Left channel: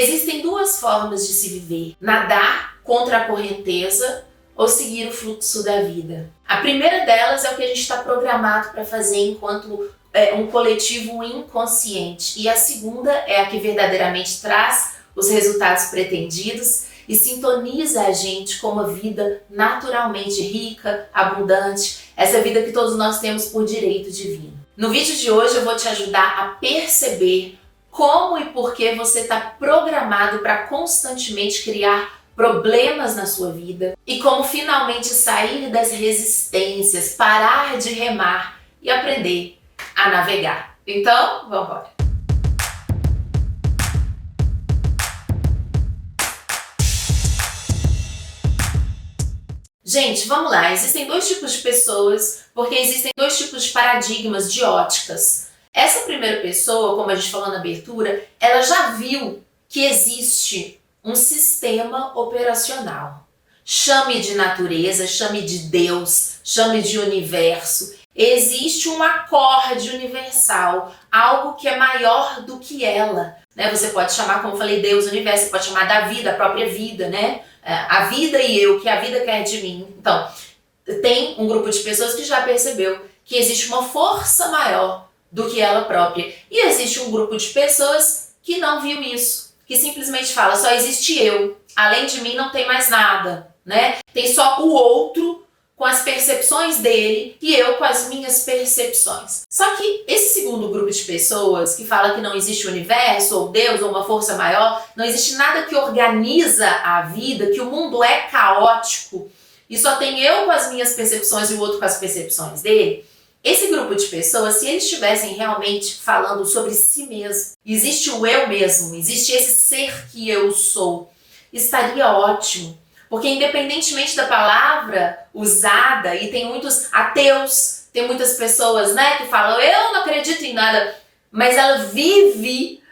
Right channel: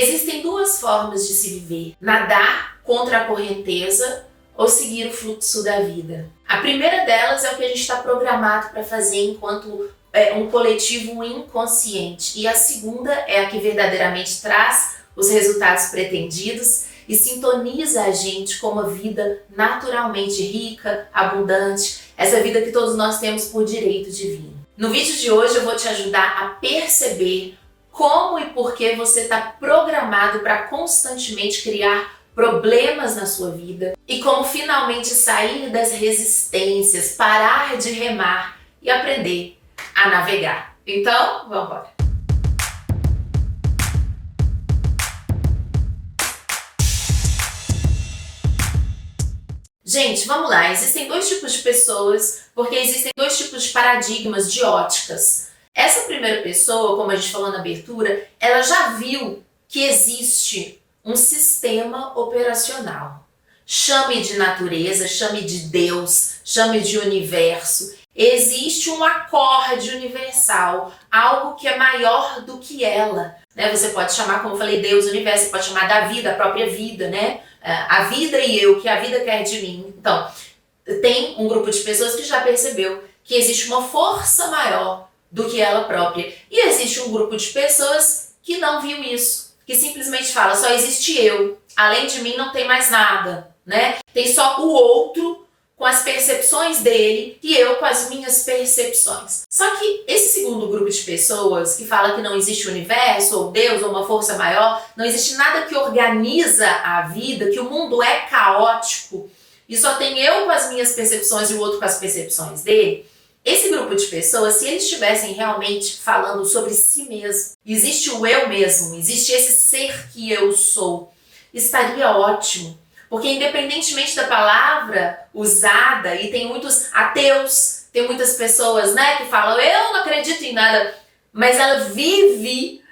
Existem duas formas de se viver: nadar contra a correnteza ou seguir o fluxo da vida. A primeira delas é o que a gente está programado para fazer enquanto um coletivo inconsciente. E a segunda é a que verdadeiramente traz os resultados pretendidos e sintoniza a gente com uma vida naturalmente rica, abundante, essa vida que todos nós temos por direito divino. No vídeo de hoje eu vou te ajudar a perceber como e por que você está programado para constantemente criar problemas na sua vida e como finalmente sair das resistências, parar de remar e aprender a navegar. Então, vamos embora! Gente, vamos lá. Existem dois tipos de pessoas, porque existem dois tipos de paradigmas, de óticas. Essa primeira pessoa, como a gente falou na abertura, ela já viu que existe um sistema operacional. Chame de natureza, chame de Deus, chame de universo. Existe um acorde universal, algo que é maior do que ela. Você pode chamar, como eu falei, Deus, universo, você pode chamar da vida, a própria vida, né? A vida e eu, que a vida quer de mim. Então, tem um grupo de pessoas que já percebeu que existe uma força maior do que ela própria. E existe um grupo de pessoas que não viu isso, que simplesmente fala, só existe eu, além de mim não tem mais nada, né? Tem só o outro com as percepções dele e eu com as minhas percepções. Só que esse segundo grupo de pessoas que fala que não existe o universo, ou Deus, ou uma força maior, não existe nada que organiza a vida, que o mundo é caótico e só tem eu com as minhas percepções e o outro com as percepções dele. Esse grupo de pessoas, se eles estivessem realmente falando sobre si mesmo, existe o eu mesmo, existe esse ser que eu sou, estaria ótimo. Porque independentemente da palavra usada, e tem muitos ateus, tem muitas pessoas, né, que falam, eu não acredito em nada, mas ela vive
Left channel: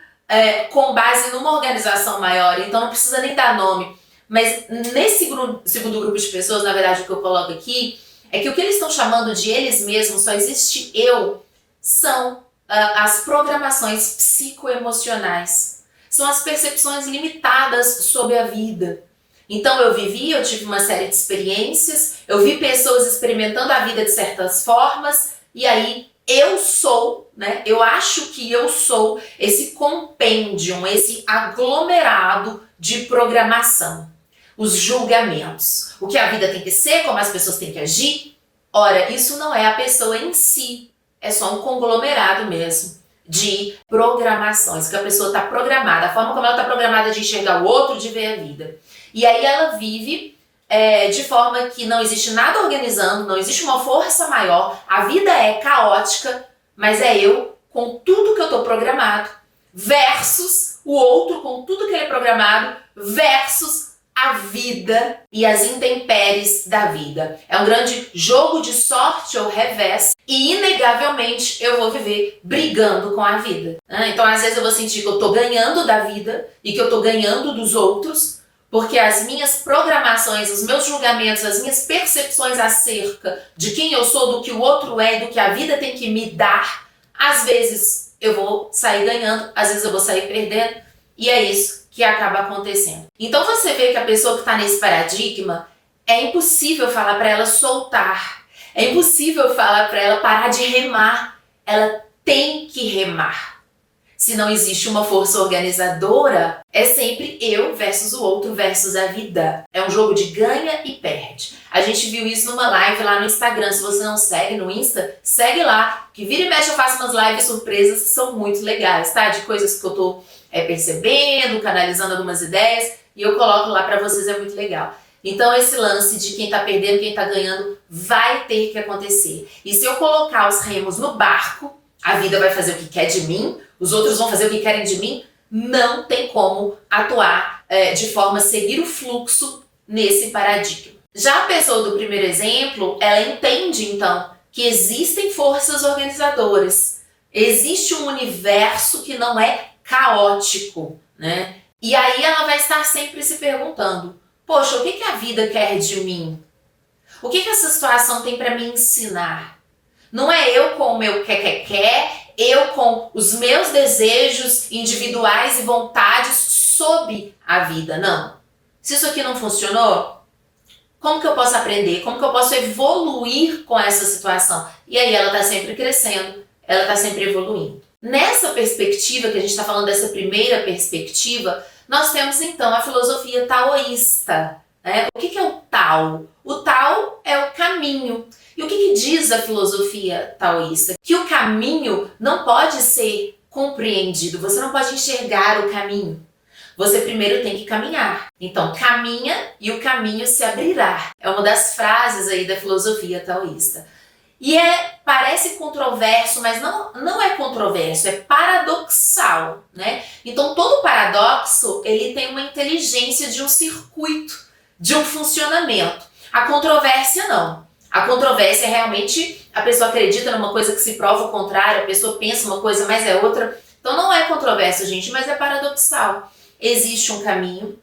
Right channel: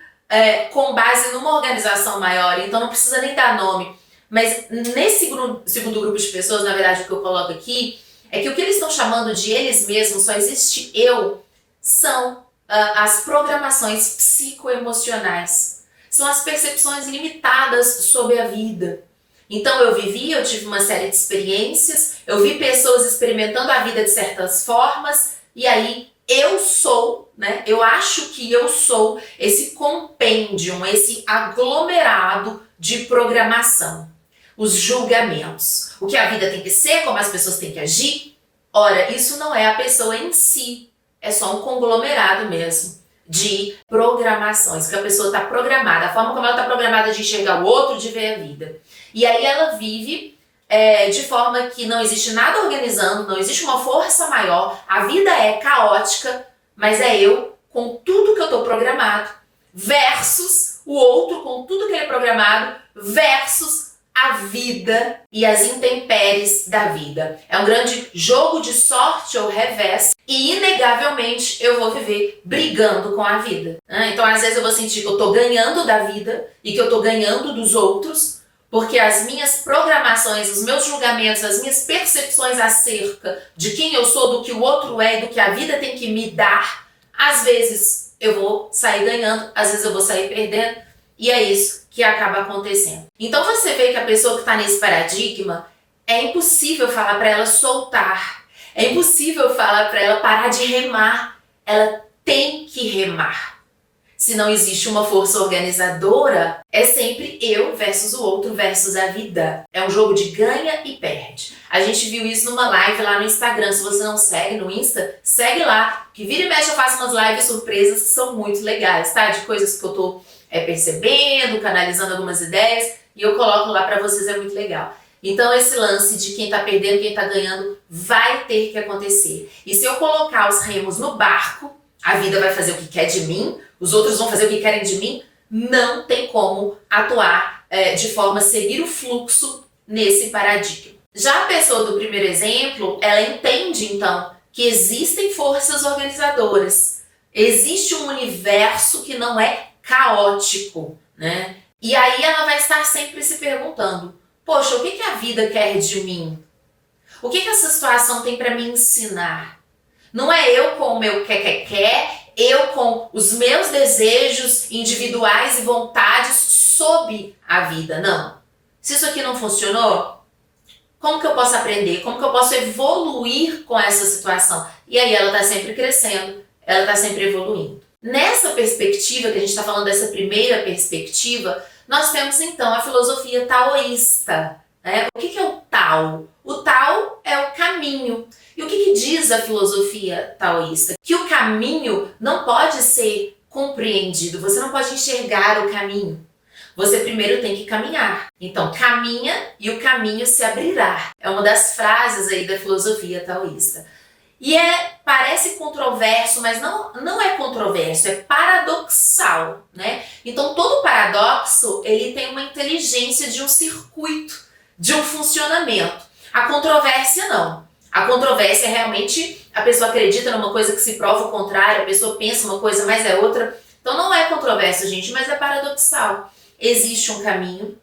com base numa organização maior, então não precisa nem dar nome. Mas nesse segundo grupo de pessoas, na verdade, o que eu coloco aqui, é que o que eles estão chamando de eles mesmos, só existe eu, são as programações psicoemocionais. São as percepções limitadas sobre a vida. Então eu tive uma série de experiências, eu vi pessoas experimentando a vida de certas formas, e aí eu sou, né? Eu acho que eu sou esse compêndio, esse aglomerado de programação. Os julgamentos, o que a vida tem que ser, como as pessoas têm que agir. Ora, isso não é a pessoa em si, é só um conglomerado mesmo de programações, que a pessoa está programada, a forma como ela está programada de enxergar o outro, de ver a vida. E aí ela vive de forma que não existe nada organizando, não existe uma força maior, a vida é caótica, mas é eu com tudo que eu estou programado, versus o outro com tudo que ele é programado, versus a vida e as intempéries da vida. É um grande jogo de sorte ou revés e inegavelmente eu vou viver brigando com a vida. Então às vezes eu vou sentir que eu tô ganhando da vida e que eu tô ganhando dos outros, porque as minhas programações, os meus julgamentos, as minhas percepções acerca de quem eu sou, do que o outro é e do que a vida tem que me dar, às vezes eu vou sair ganhando, às vezes eu vou sair perdendo, e é isso que acaba acontecendo. Então você vê que a pessoa que está nesse paradigma, é impossível falar para ela soltar, é impossível falar para ela parar de remar, ela tem que remar. Se não existe uma força organizadora, é sempre eu versus o outro versus a vida. É um jogo de ganha e perde. A gente viu isso numa live lá no Instagram. Se você não segue no Insta, segue lá. Que vira e mexe eu faço umas lives surpresas que são muito legais, tá? De coisas que eu tô percebendo, canalizando algumas ideias, e eu coloco lá pra vocês, é muito legal. Então esse lance de quem tá perdendo, quem tá ganhando, vai ter que acontecer. E se eu colocar os remos no barco, a vida vai fazer o que quer de mim, os outros vão fazer o que querem de mim, não tem como atuar de forma a seguir o fluxo nesse paradigma. Já a pessoa do primeiro exemplo, ela entende então que existem forças organizadoras, existe um universo que não é caótico, né? E aí ela vai estar sempre se perguntando, poxa, o que a vida quer de mim? O que essa situação tem para me ensinar? Não é eu com o meu quer, Eu com os meus desejos individuais e vontades sob a vida. Não. Se isso aqui não funcionou, como que eu posso aprender? Como que eu posso evoluir com essa situação? E aí ela está sempre crescendo, ela está sempre evoluindo. Nessa perspectiva, que a gente está falando dessa primeira perspectiva, nós temos então a filosofia taoísta. Né? O que é o Tao? O Tao é o caminho. E o que diz a filosofia taoísta? Que o caminho não pode ser compreendido, você não pode enxergar o caminho. Você primeiro tem que caminhar. Então, caminha e o caminho se abrirá. É uma das frases aí da filosofia taoísta. E parece controverso, mas não é controverso, é paradoxal, né? Então, todo paradoxo, ele tem uma inteligência de um circuito, de um funcionamento. A controvérsia, não. A controvérsia é realmente a pessoa acredita numa coisa que se prova o contrário, a pessoa pensa uma coisa, mas é outra. Então, não é controverso, gente, mas é paradoxal. Existe um caminho.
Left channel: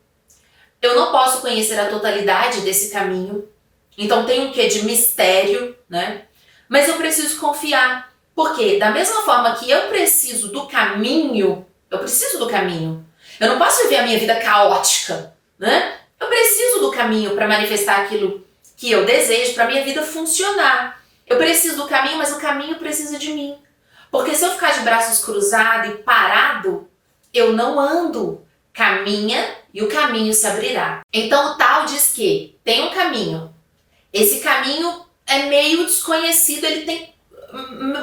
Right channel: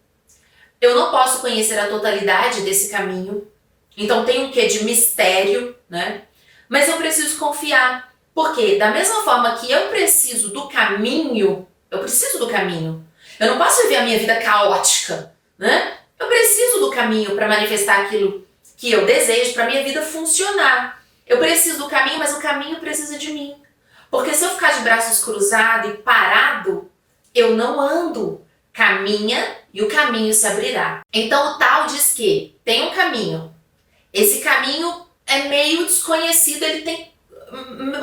Eu não posso conhecer a totalidade desse caminho. Então, tem um quê de mistério, né? Mas eu preciso confiar. Porque da mesma forma que eu preciso do caminho, eu preciso do caminho. Eu não posso viver a minha vida caótica, né? Eu preciso do caminho para manifestar aquilo que eu desejo, para minha vida funcionar. Eu preciso do caminho, mas o caminho precisa de mim. Porque se eu ficar de braços cruzados e parado, eu não ando. Caminha e o caminho se abrirá. Então o Tao diz que tem um caminho. Esse caminho é meio desconhecido, ele tem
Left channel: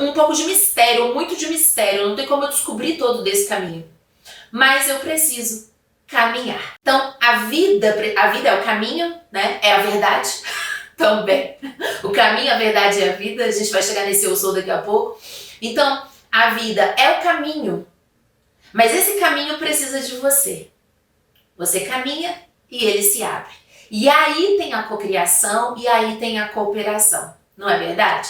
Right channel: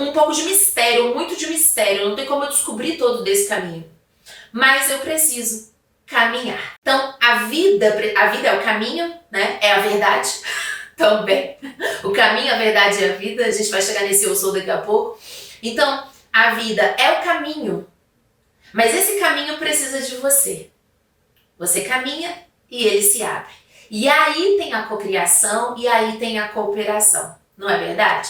um pouco de mistério, muito de mistério. Não tem como eu descobrir todo desse caminho. Mas eu preciso caminhar. Então a vida é o caminho, né? É a verdade também. O caminho, a verdade e a vida. A gente vai chegar nesse eu sou daqui a pouco. Então a vida é o caminho. Mas esse caminho precisa de você. Você caminha e ele se abre. E aí tem a cocriação e aí tem a cooperação. Não é verdade?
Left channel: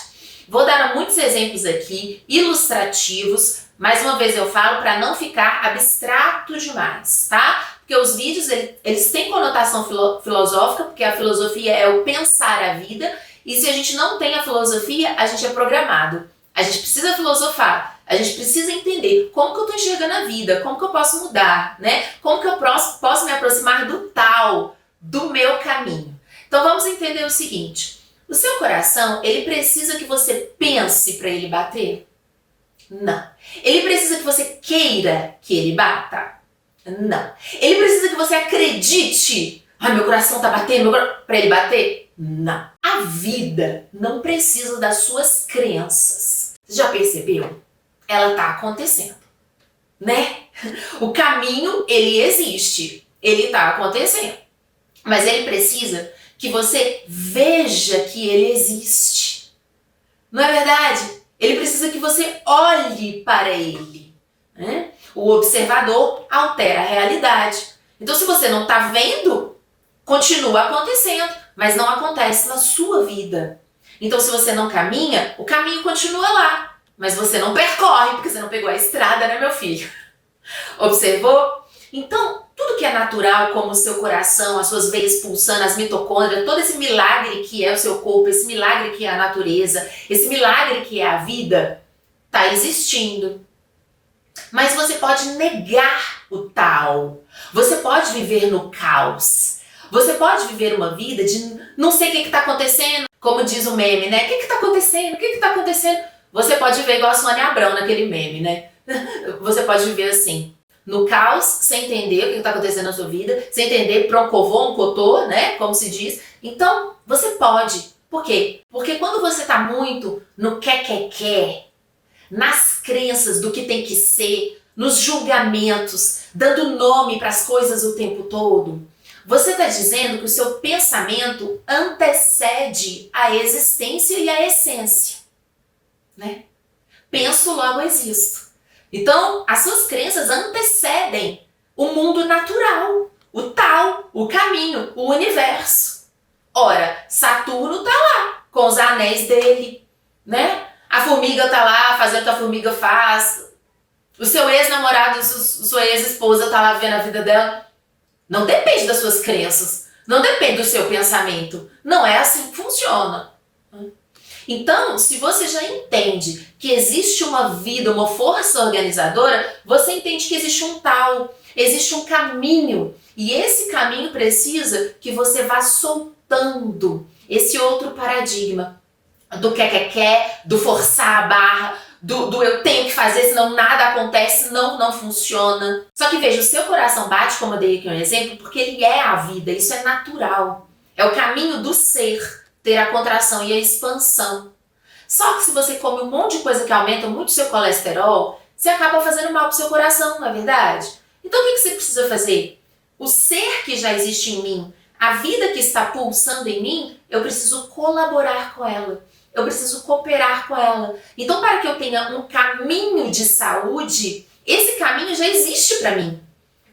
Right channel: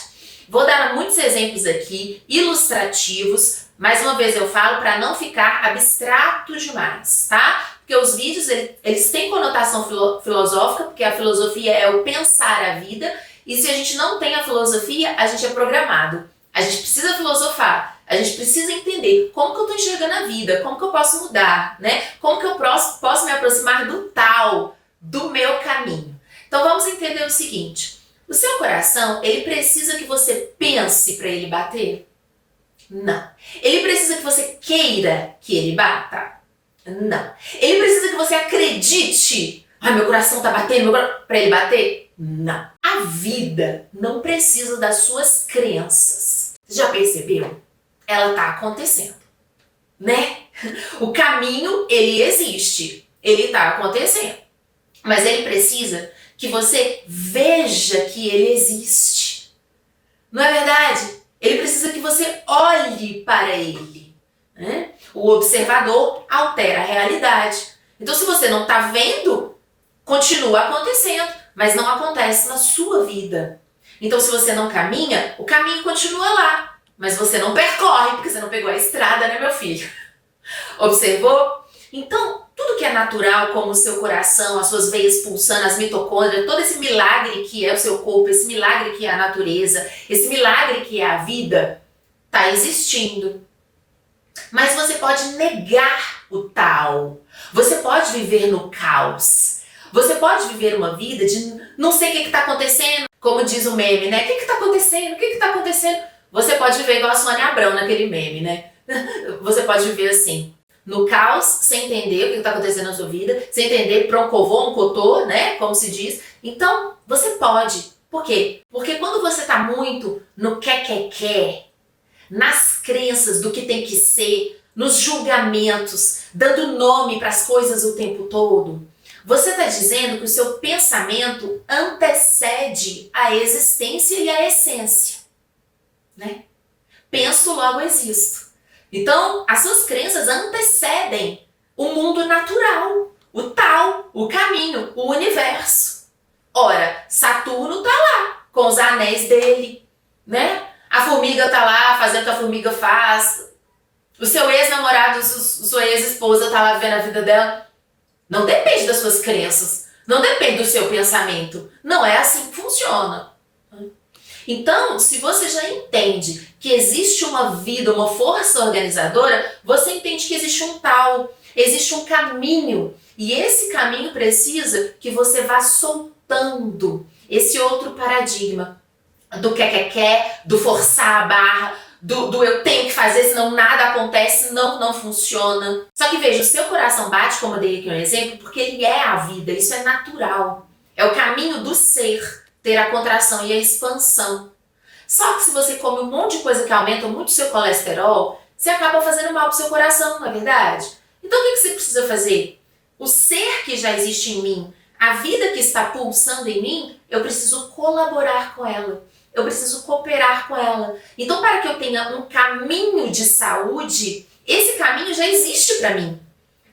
Vou dar muitos exemplos aqui, ilustrativos. Mais uma vez eu falo para não ficar abstrato demais, tá? Porque os vídeos, eles têm conotação filosófica, porque a filosofia é o pensar a vida. E se a gente não tem a filosofia, a gente é programado. A gente precisa filosofar. A gente precisa entender como que eu estou enxergando a vida, como que eu posso mudar, né? Como que eu posso me aproximar do tal, do meu caminho. Então vamos entender o seguinte, o seu coração, ele precisa que você pense para ele bater? Não. Ele precisa que você queira que ele bata? Não. Ele precisa que você acredite, meu coração está batendo, para ele bater? Não. A vida não precisa das suas crenças. Você já percebeu? Ela está acontecendo, né? O caminho, ele existe, ele está acontecendo. Mas ele precisa que você veja que ele existe. Não é verdade? Ele precisa que você olhe para ele, né? O observador altera a realidade. Então, se você não está vendo, continua acontecendo, mas não acontece na sua vida. Então, se você não caminha, o caminho continua lá. Mas você não percorre, porque você não pegou a estrada, né, meu filho? Observou? Então, tudo que é natural, como o seu coração, as suas veias pulsando, as mitocôndrias, todo esse milagre que é o seu corpo, esse milagre que é a natureza, esse milagre que é a vida, está existindo. Mas você pode negar o tal. Você pode viver no caos. Você pode viver uma vida de não sei o que está acontecendo. Como diz o meme, né? O que está acontecendo? O que está acontecendo? Você pode viver igual a Sônia Abrão naquele meme, né? Você pode viver assim, no caos, sem entender o que está acontecendo na sua vida, sem entender proncovô, um cotô, né? Como se diz. Então, você pode. Por quê? Porque quando você está muito no quer, nas crenças do que tem que ser, nos julgamentos, dando nome para as coisas o tempo todo, você está dizendo que o seu pensamento antecede a existência e a essência. Né? Penso, logo existo. Então, as suas crenças antecedem o mundo natural, o tal, o caminho, o universo. Ora, Saturno tá lá, com os anéis dele, né? A formiga tá lá, fazendo o que a formiga faz. O seu ex-namorado, sua ex-esposa tá lá vendo a vida dela. Não depende das suas crenças, não depende do seu pensamento. Não é assim que funciona. Então, se você já entende que existe uma vida, uma força organizadora, você entende que existe um tal, existe um caminho. E esse caminho precisa que você vá soltando esse outro paradigma do quer, do forçar a barra, do eu tenho que fazer, senão nada acontece, senão não funciona. Só que veja, o seu coração bate, como eu dei aqui um exemplo, porque ele é a vida, isso é natural. É o caminho do ser, ter a contração e a expansão. Só que se você come um monte de coisa que aumenta muito o seu colesterol, você acaba fazendo mal pro seu coração, não é verdade? Então o que você precisa fazer? O ser que já existe em mim, a vida que está pulsando em mim, eu preciso colaborar com ela. Eu preciso cooperar com ela. Então, para que eu tenha um caminho de saúde, esse caminho já existe para mim.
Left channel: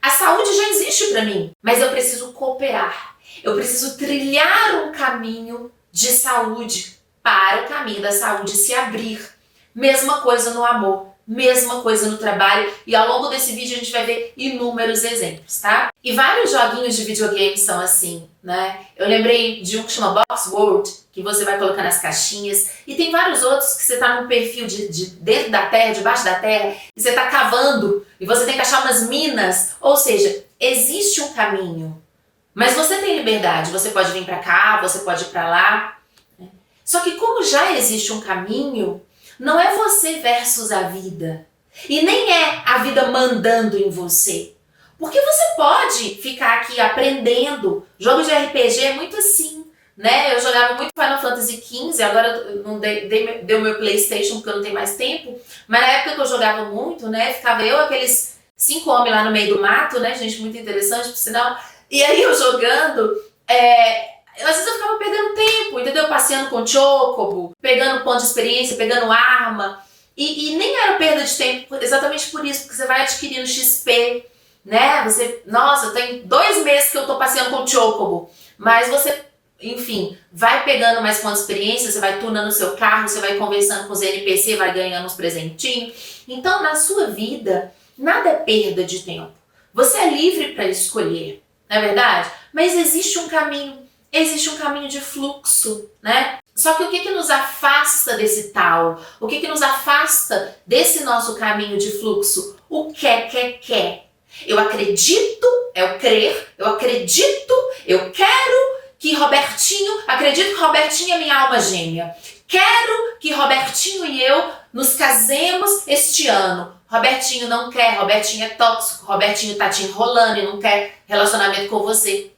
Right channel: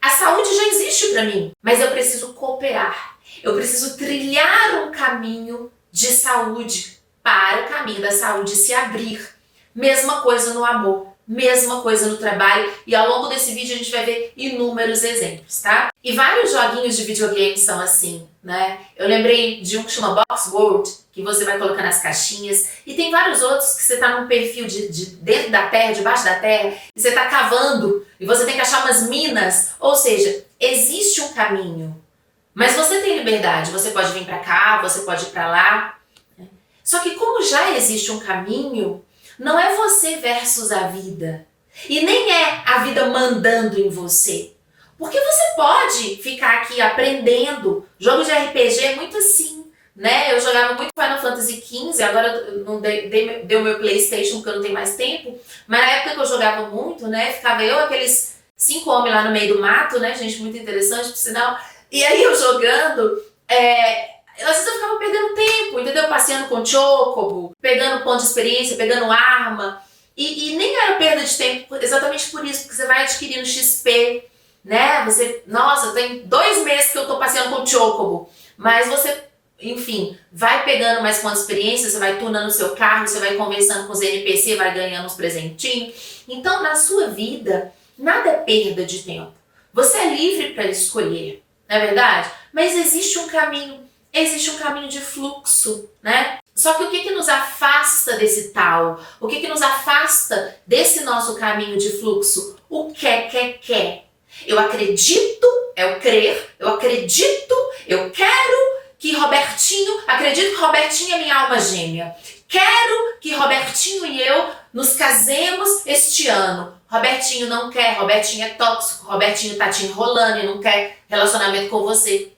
A saúde já existe para mim, mas eu preciso cooperar. Eu preciso trilhar um caminho de saúde para o caminho da saúde se abrir. Mesma coisa no amor, mesma coisa no trabalho, e ao longo desse vídeo a gente vai ver inúmeros exemplos, tá? E vários joguinhos de videogame são assim, né? Eu lembrei de um que chama Box World, que você vai colocar nas caixinhas, e tem vários outros que você tá num perfil de dentro da terra, debaixo da terra, e você tá cavando, e você tem que achar umas minas, ou seja, existe um caminho, mas você tem liberdade, você pode vir pra cá, você pode ir pra lá, né? Só que como já existe um caminho, não é você versus a vida. E nem é a vida mandando em você. Porque você pode ficar aqui aprendendo. Jogo de RPG é muito assim, né? Eu jogava muito Final Fantasy XV, agora eu não dei o meu PlayStation porque eu não tenho mais tempo. Mas na época que eu jogava muito, né? Ficava eu, aqueles 5 homens lá no meio do mato, né? Gente, muito interessante, por sinal. E aí eu jogando, às vezes eu ficava perdendo tempo, entendeu? Passeando com o Chocobo, pegando ponto de experiência, pegando arma. E nem era perda de tempo exatamente por isso, porque você vai adquirindo XP, né? Nossa, tem 2 meses que eu tô passeando com o Chocobo. Mas você, enfim, vai pegando mais ponto de experiência, você vai tunando o seu carro, você vai conversando com os NPC, vai ganhando uns presentinhos. Então, na sua vida, nada é perda de tempo. Você é livre para escolher, não é verdade? Mas existe um caminho de fluxo, né? Só que o que nos afasta desse tal? O que nos afasta desse nosso caminho de fluxo? O quer. Eu acredito, é o crer, eu acredito, eu quero que Robertinho, acredito que Robertinho é minha alma gêmea. Quero que Robertinho e eu nos casemos este ano. Robertinho não quer, Robertinho é tóxico, Robertinho tá te enrolando e não quer relacionamento com você.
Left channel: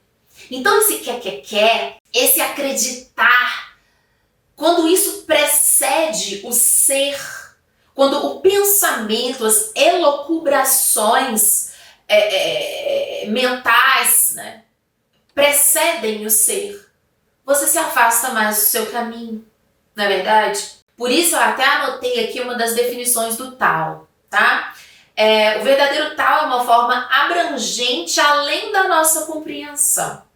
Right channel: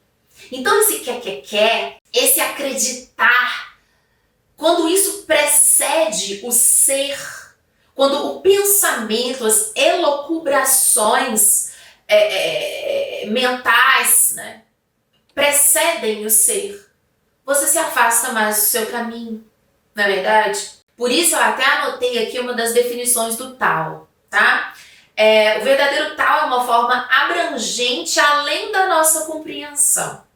Então esse quer, esse acreditar, quando isso precede o ser, quando o pensamento, as elucubrações mentais, né, precedem o ser, você se afasta mais do seu caminho, não é verdade? Por isso eu até anotei aqui uma das definições do Tao, tá? O verdadeiro Tao é uma forma abrangente além da nossa compreensão.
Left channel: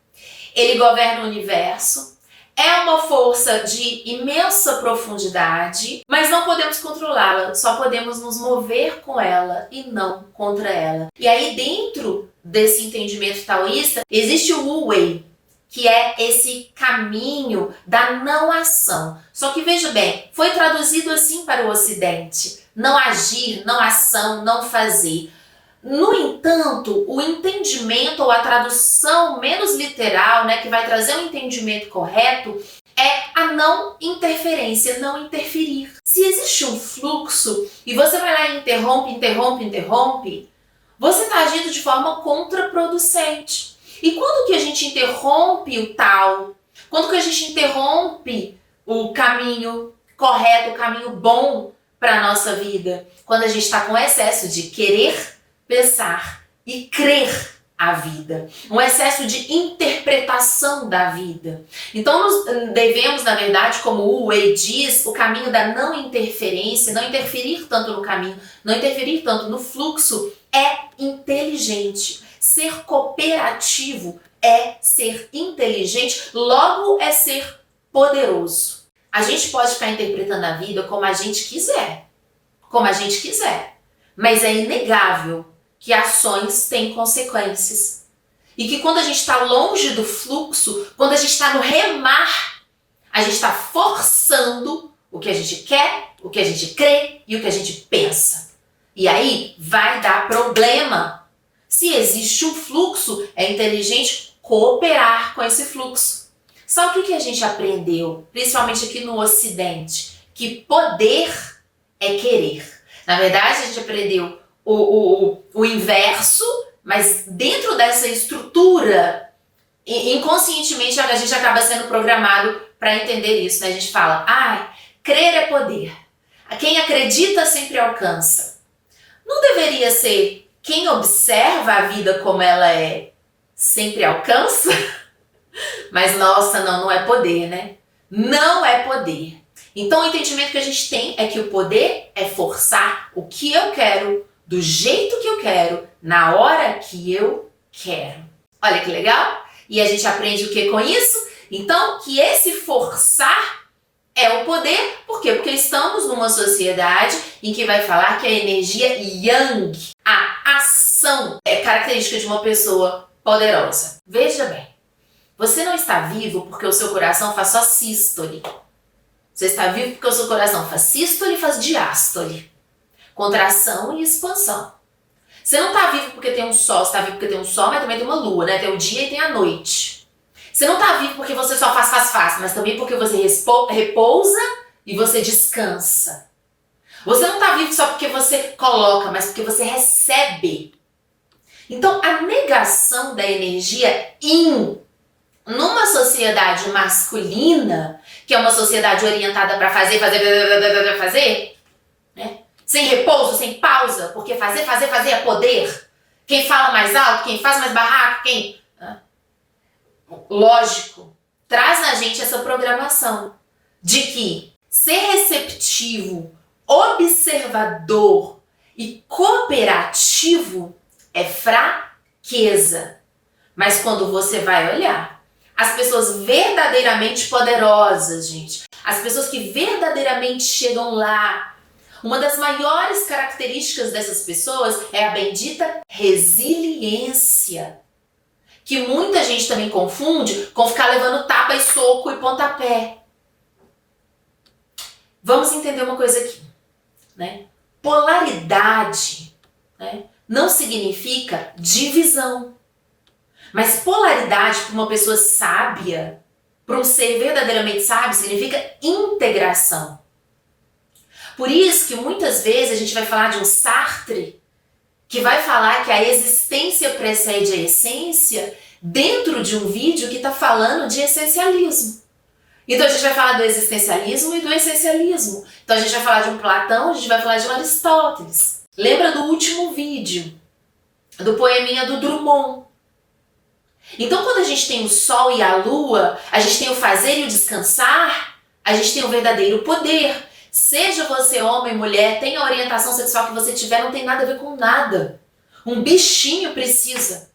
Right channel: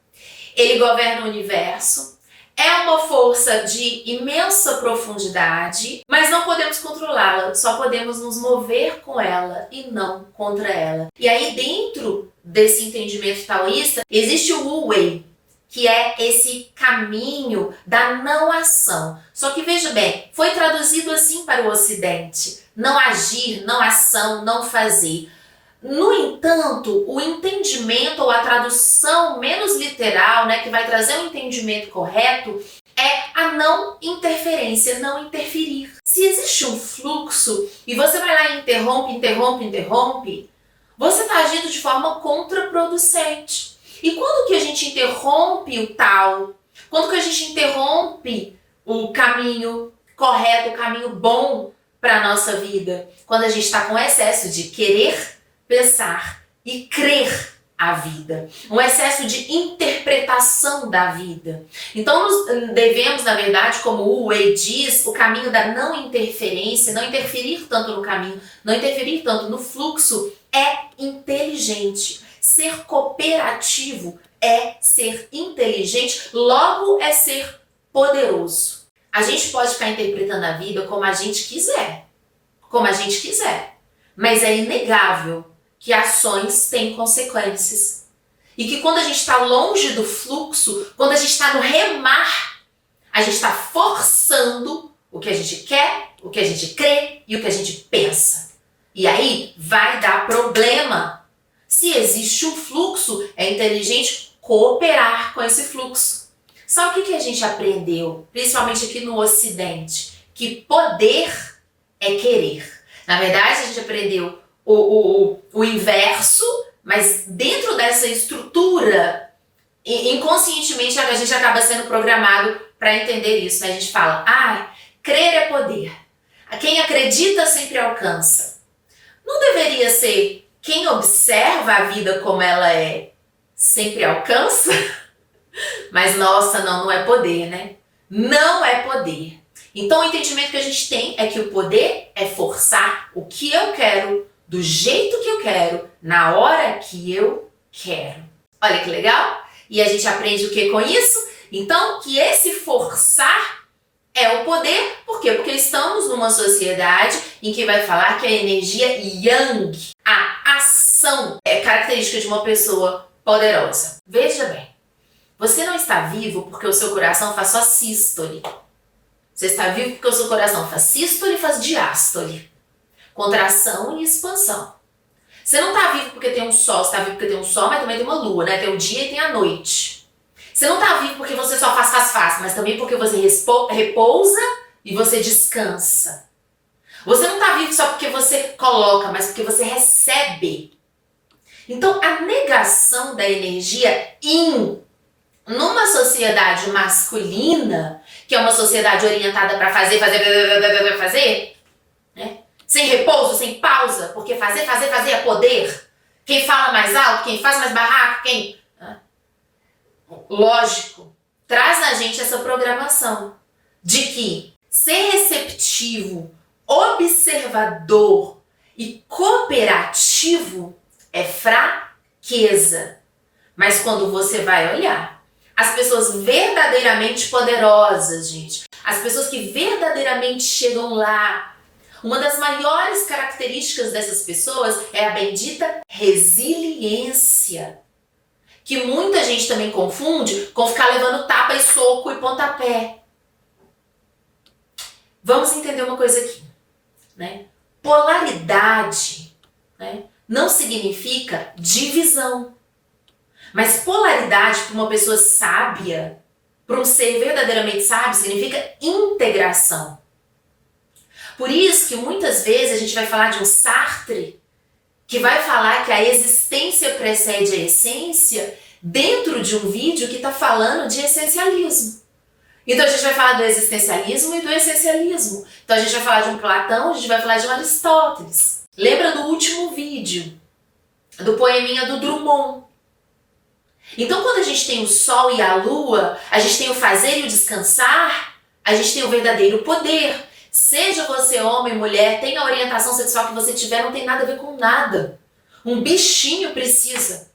Ele governa o universo, é uma força de imensa profundidade, mas não podemos controlá-la, só podemos nos mover com ela e não contra ela. E aí dentro desse entendimento taoísta, existe o Wu Wei, que é esse caminho da não ação. Só que veja bem, foi traduzido assim para o Ocidente: não agir, não ação, não fazer. No entanto, o entendimento ou a tradução menos literal, né, que vai trazer um entendimento correto, é a não interferência, não interferir. Se existe um fluxo e você vai lá e interrompe, você está agindo de forma contraproducente. E quando que a gente interrompe o tal? Quando que a gente interrompe o caminho correto, o caminho bom para a nossa vida? Quando a gente está com excesso de querer, pensar e crer a vida, um excesso de interpretação da vida. Então nós devemos, na verdade, como o Wei diz, o caminho da não interferência, não interferir tanto no caminho, não interferir tanto no fluxo, é inteligente. Ser cooperativo é ser inteligente, logo é ser poderoso. A gente pode ficar interpretando a vida como a gente quiser, mas é inegável que ações têm consequências. E que quando a gente está longe do fluxo, quando a gente está no remar, A gente está forçando o que a gente quer, o que a gente crê e o que a gente pensa. E aí vai dar problema. Se existe um fluxo, é inteligente cooperar com esse fluxo. Só o que a gente aprendeu, principalmente aqui no Ocidente? Que poder é querer. Na verdade, a gente aprendeu o inverso, mas dentro dessa estrutura, inconscientemente a gente acaba sendo programado para entender isso, né? A gente fala, crer é poder. Quem acredita sempre alcança. Não deveria ser quem observa a vida como ela é, sempre alcança? Mas nossa, não é poder, né? Não é poder. Então o entendimento que a gente tem é que o poder é forçar o que eu quero, do jeito que eu quero, na hora que eu quero. Olha que legal? E a gente aprende o que com isso? Então, que esse forçar é um poder. Por quê? Porque estamos numa sociedade em que vai falar que a energia yang, a ação, é característica de uma pessoa poderosa. Veja bem, você não está vivo porque o seu coração faz só sístole. Você está vivo porque o seu coração faz sístole e faz diástole. Contração e expansão. Você não está vivo porque tem um sol, você está vivo porque tem um sol, mas também tem uma lua, né? Tem o dia e tem a noite. Você não está vivo porque você só faz, mas também porque você repousa e você descansa. Você não está vivo só porque você coloca, mas porque você recebe. Então, a negação da energia yin numa sociedade masculina, que é uma sociedade orientada para fazer, né? Sem repouso, sem pausa, porque fazer é poder. Quem fala mais alto, quem faz mais barraco, lógico, traz na gente essa programação de que ser receptivo, observador e cooperativo é fraqueza. Mas quando você vai olhar, as pessoas verdadeiramente poderosas, gente, as pessoas que verdadeiramente chegam lá, uma das maiores características dessas pessoas é a bendita resiliência, que muita gente também confunde com ficar levando tapa e soco e pontapé. Vamos entender uma coisa aqui, né? Polaridade, né, não significa divisão. Mas polaridade para uma pessoa sábia, para um ser verdadeiramente sábio, significa integração. Por isso que muitas vezes a gente vai falar de um Sartre, que vai falar que a existência precede a essência, dentro de um vídeo que está falando de essencialismo. Então a gente vai falar do existencialismo e do essencialismo. Então a gente vai falar de um Platão, a gente vai falar de um Aristóteles. Lembra do último vídeo, do poeminha do Drummond? Então quando a gente tem o sol e a lua, a gente tem o fazer e o descansar, a gente tem o verdadeiro poder. Seja você homem, mulher, tenha a orientação sexual que você tiver, não tem nada a ver com nada. Um bichinho precisa.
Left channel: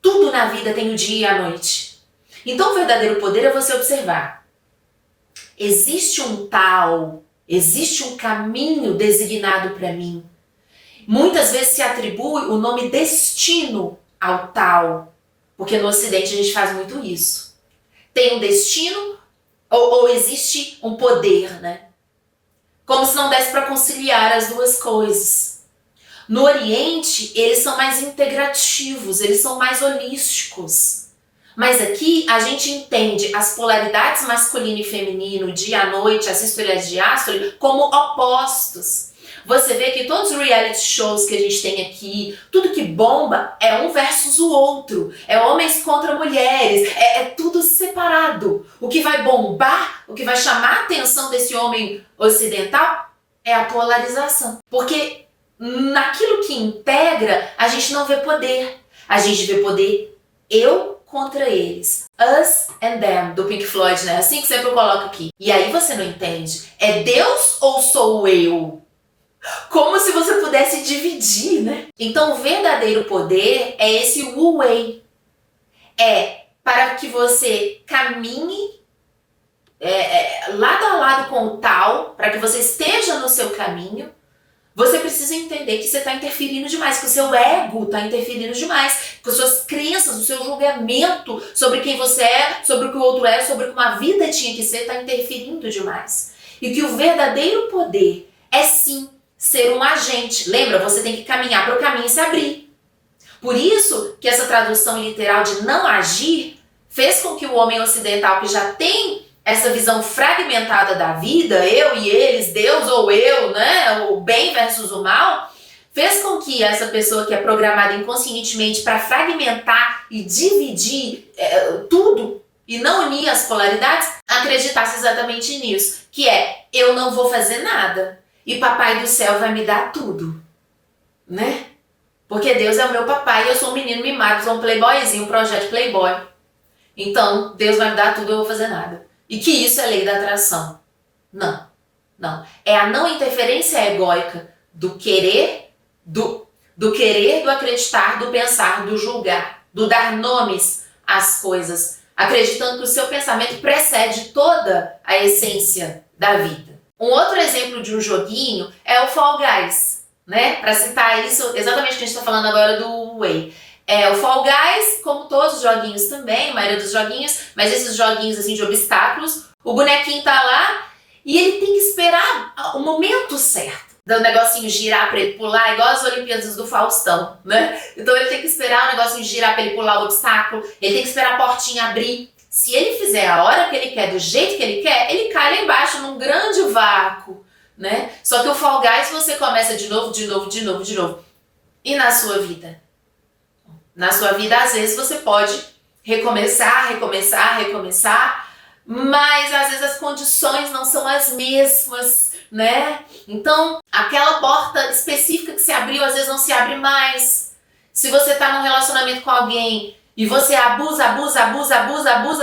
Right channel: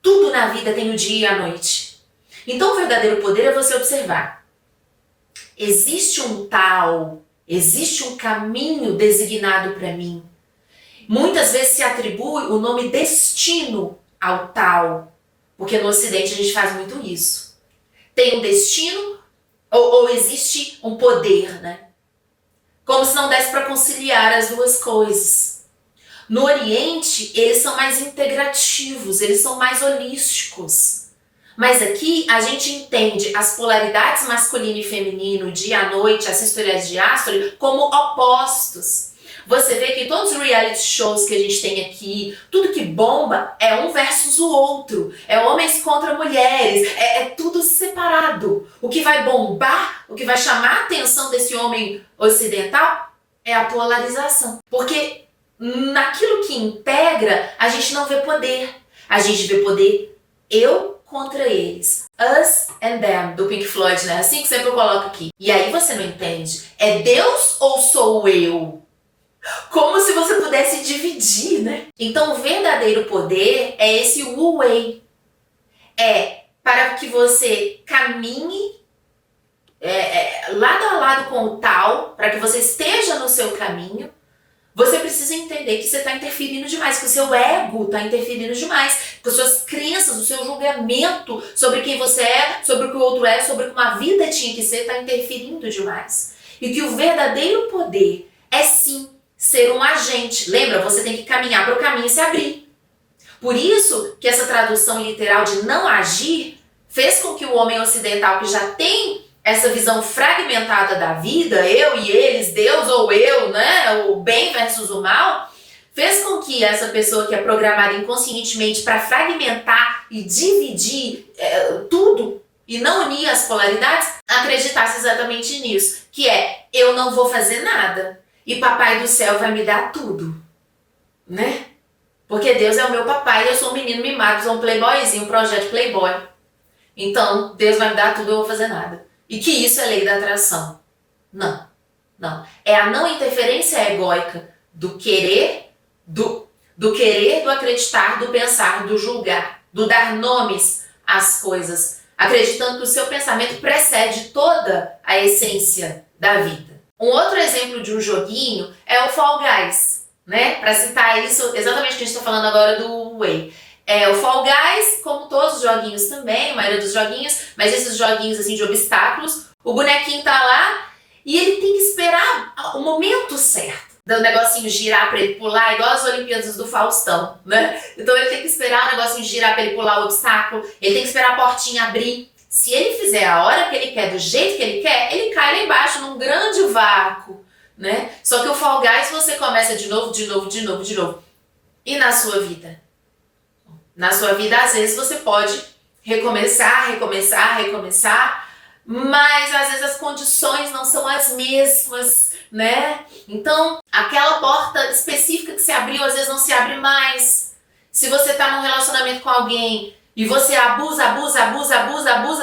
Tudo na vida tem o dia e a noite. Então o verdadeiro poder é você observar. Existe um tal, existe um caminho designado para mim. Muitas vezes se atribui o nome destino ao tal, porque no Ocidente a gente faz muito isso. Tem um destino ou existe um poder, né? Como se não desse para conciliar as duas coisas. No Oriente, eles são mais integrativos, eles são mais holísticos. Mas aqui a gente entende as polaridades masculino e feminino, dia à noite, a sístole e a diástole, como opostos. Você vê que todos os reality shows que a gente tem aqui, tudo que bomba é um versus o outro. É homens contra mulheres, é tudo separado. O que vai bombar, o que vai chamar a atenção desse homem ocidental é a polarização. Porque naquilo que integra, a gente não vê poder. A gente vê poder eu contra eles. Us and them, do Pink Floyd, né? Assim que sempre eu coloco aqui. E aí você não entende. É Deus ou sou eu? Como se você pudesse dividir, né? Então o verdadeiro poder é esse wu-wei. É para que você caminhe lado a lado com o tal, para que você esteja no seu caminho. Você precisa entender que você está interferindo demais, que o seu ego está interferindo demais, que as suas crenças, seu julgamento sobre quem você é, sobre o que o outro é, sobre como a vida tinha que ser, está interferindo demais. E que o verdadeiro poder é sim ser um agente. Lembra, você tem que caminhar para o caminho se abrir. Por isso que essa tradução literal de não agir fez com que o homem ocidental, que já tem essa visão fragmentada da vida, eu e eles, Deus ou eu, né, o bem versus o mal, fez com que essa pessoa que é programada inconscientemente para fragmentar e dividir tudo e não unir as polaridades, acreditasse exatamente nisso, que é, eu não vou fazer nada e papai do céu vai me dar tudo, né? Porque Deus é o meu papai e eu sou um menino mimado, sou um playboyzinho, um projeto playboy. Então, Deus vai me dar tudo e eu não vou fazer nada. E que isso é lei da atração. Não, não. É a não interferência egóica do querer, do acreditar, do pensar, do julgar, do dar nomes às coisas, acreditando que o seu pensamento precede toda a essência da vida. Um outro exemplo de um joguinho é o Fall Guys, né? Para citar isso, exatamente o que a gente está falando agora do Whey. O Fall Guys, como todos os joguinhos também, a maioria dos joguinhos, mas esses joguinhos assim de obstáculos, o bonequinho tá lá e ele tem que esperar o momento certo. Do negocinho girar para ele pular, igual as Olimpíadas do Faustão, né? Então ele tem que esperar o negocinho girar para ele pular o obstáculo, ele tem que esperar a portinha abrir. Se ele fizer a hora que ele quer, do jeito que ele quer, ele cai lá embaixo num grande vácuo, né? Só que o Fall Guys você começa de novo. E na sua vida? Na sua vida, às vezes, você pode recomeçar, mas às vezes as condições não são as mesmas, né? Então, aquela porta específica que se abriu, às vezes não se abre mais. Se você tá num relacionamento com alguém e você abusa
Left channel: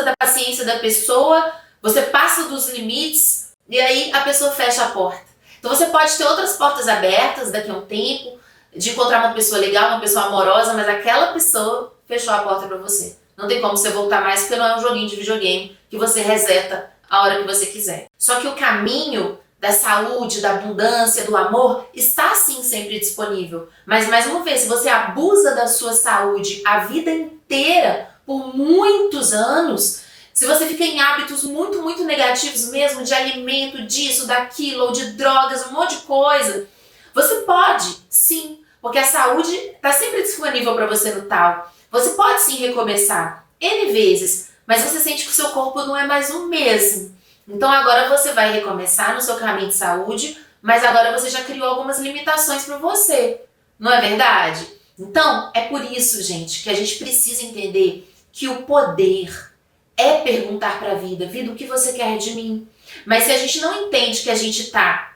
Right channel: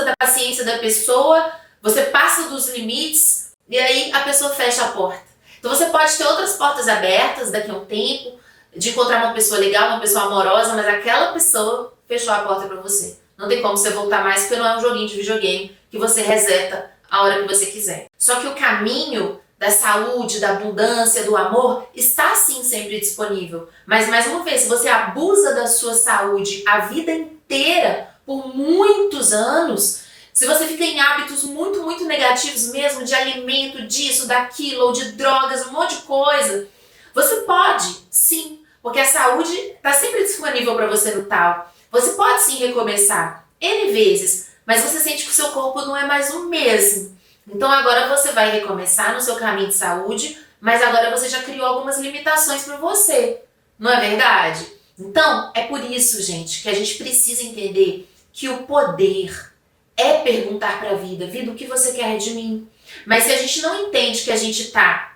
da paciência da pessoa, você passa dos limites e aí a pessoa fecha a porta. Então você pode ter outras portas abertas daqui a um tempo, de encontrar uma pessoa legal, uma pessoa amorosa, mas aquela pessoa fechou a porta pra você. Não tem como você voltar mais, porque não é um joguinho de videogame que você reseta a hora que você quiser. Só que o caminho da saúde, da abundância, do amor, está sim sempre disponível. Mas mais uma vez, se você abusa da sua saúde a vida inteira, por muitos anos, se você fica em hábitos muito negativos mesmo, de alimento, disso, daquilo, ou de drogas, um monte de coisa, você pode, sim, porque a saúde está sempre disponível para você no tal. Você pode sim recomeçar N vezes, mas você sente que o seu corpo não é mais o mesmo. Então agora você vai recomeçar no seu caminho de saúde, mas agora você já criou algumas limitações para você. Não é verdade? Então é por isso, gente, que a gente precisa entender que o poder é perguntar para a vida, vida, o que você quer de mim? Mas se a gente não entende que a gente está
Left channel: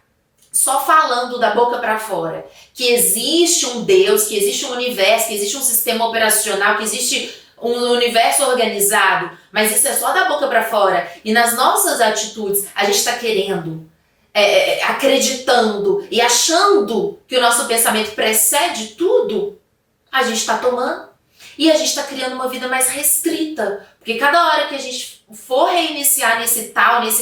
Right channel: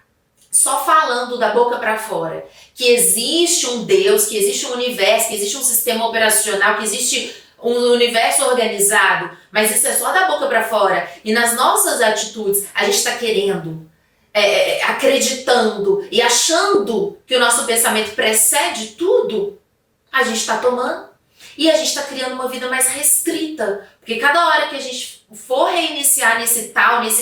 só falando da boca para fora, que existe um Deus, que existe um universo, que existe um sistema operacional, que existe um universo organizado, mas isso é só da boca para fora. E nas nossas atitudes, a gente está querendo, acreditando e achando que o nosso pensamento precede tudo, a gente está tomando. E a gente está criando uma vida mais restrita. Porque cada hora que a gente for reiniciar nesse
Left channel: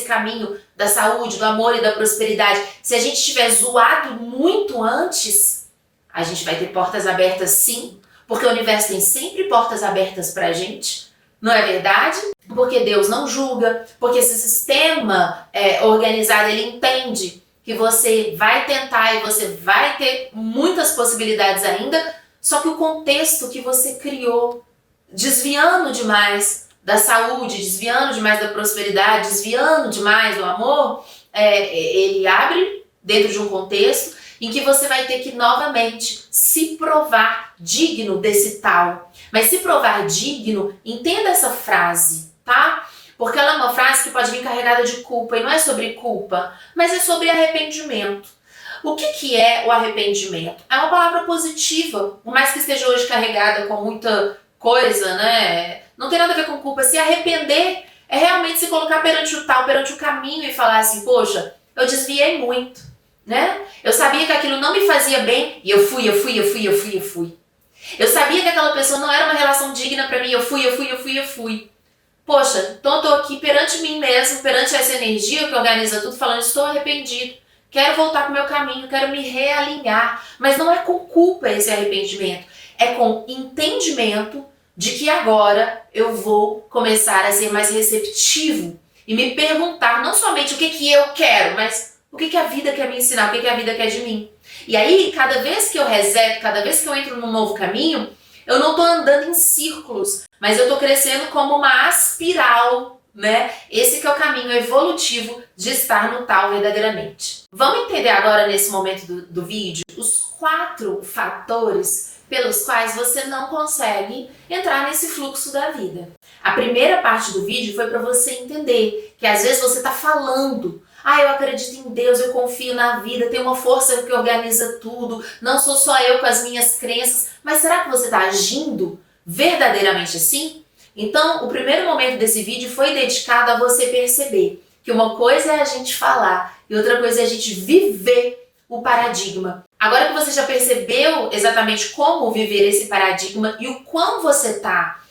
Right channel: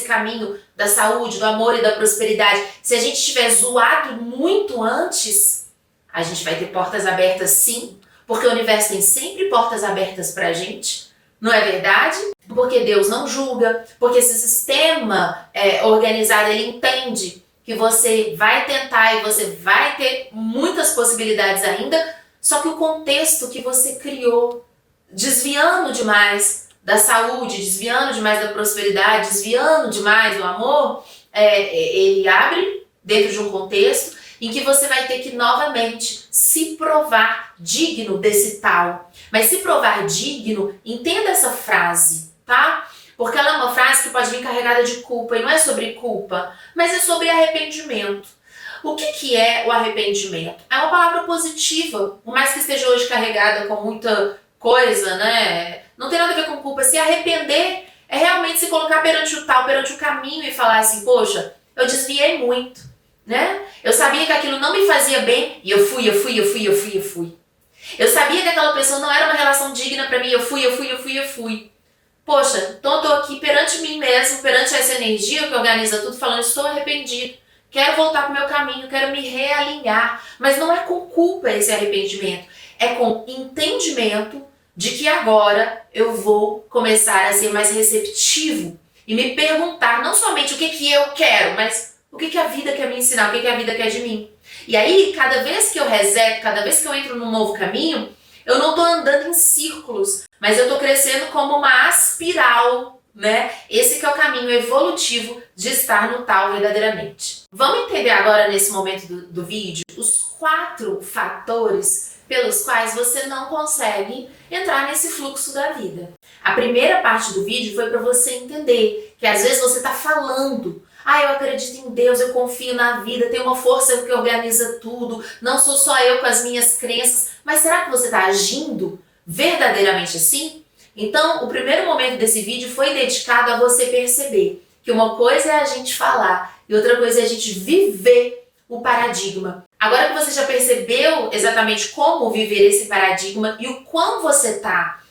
caminho da saúde, do amor e da prosperidade, se a gente tiver zoado muito antes, a gente vai ter portas abertas sim. Porque o universo tem sempre portas abertas pra gente. Não é verdade? Porque Deus não julga. Porque esse sistema organizado, ele entende que você vai tentar e você vai ter muitas possibilidades ainda. Só que o contexto que você criou, desviando demais da saúde, desviando demais da prosperidade, desviando demais do amor, ele abre dentro de um contexto em que você vai ter que novamente se provar digno desse tal. Mas se provar digno, entenda essa frase, tá? Porque ela é uma frase que pode vir carregada de culpa, e não é sobre culpa, mas é sobre arrependimento. O que é o arrependimento? É uma palavra positiva, por mais que esteja hoje carregada com muita coisa, né? Não tem nada a ver com culpa. Se arrepender é realmente se colocar perante o tal, perante o caminho e falar assim, poxa, eu desviei muito, né? Eu sabia que aquilo não me fazia bem e eu fui. Eu sabia que aquela pessoa não era uma relação digna pra mim, eu fui. Poxa, então eu tô aqui perante mim mesmo, perante essa energia que organiza tudo, falando, estou arrependido. Quero voltar para o meu caminho, quero me realinhar. Mas não é com culpa esse arrependimento. É com entendimento de que agora eu vou começar a ser mais receptivo e me perguntar não somente o que eu quero, mas o que a vida quer me ensinar, o que a vida quer de mim. E aí, cada vez que eu reseto, cada vez que eu entro num novo caminho, eu não estou andando em círculos, mas eu estou crescendo como uma espiral, né? Esse que é o caminho evolutivo de estar no tal verdadeiramente. Vamos entender agora, nesse momento do vídeo, os 4 fatores pelos quais você não consegue entrar nesse fluxo da vida. A primeira parte do vídeo foi para você entender que às vezes você está falando: eu acredito em Deus, eu confio na vida, tem uma força que organiza tudo, não sou só eu com as minhas crenças. Mas será que você está agindo verdadeiramente assim? Então, o primeiro momento desse vídeo foi dedicado a você perceber que uma coisa é a gente falar e outra coisa é a gente viver o paradigma. Agora que você já percebeu exatamente como viver esse paradigma e o quão você está,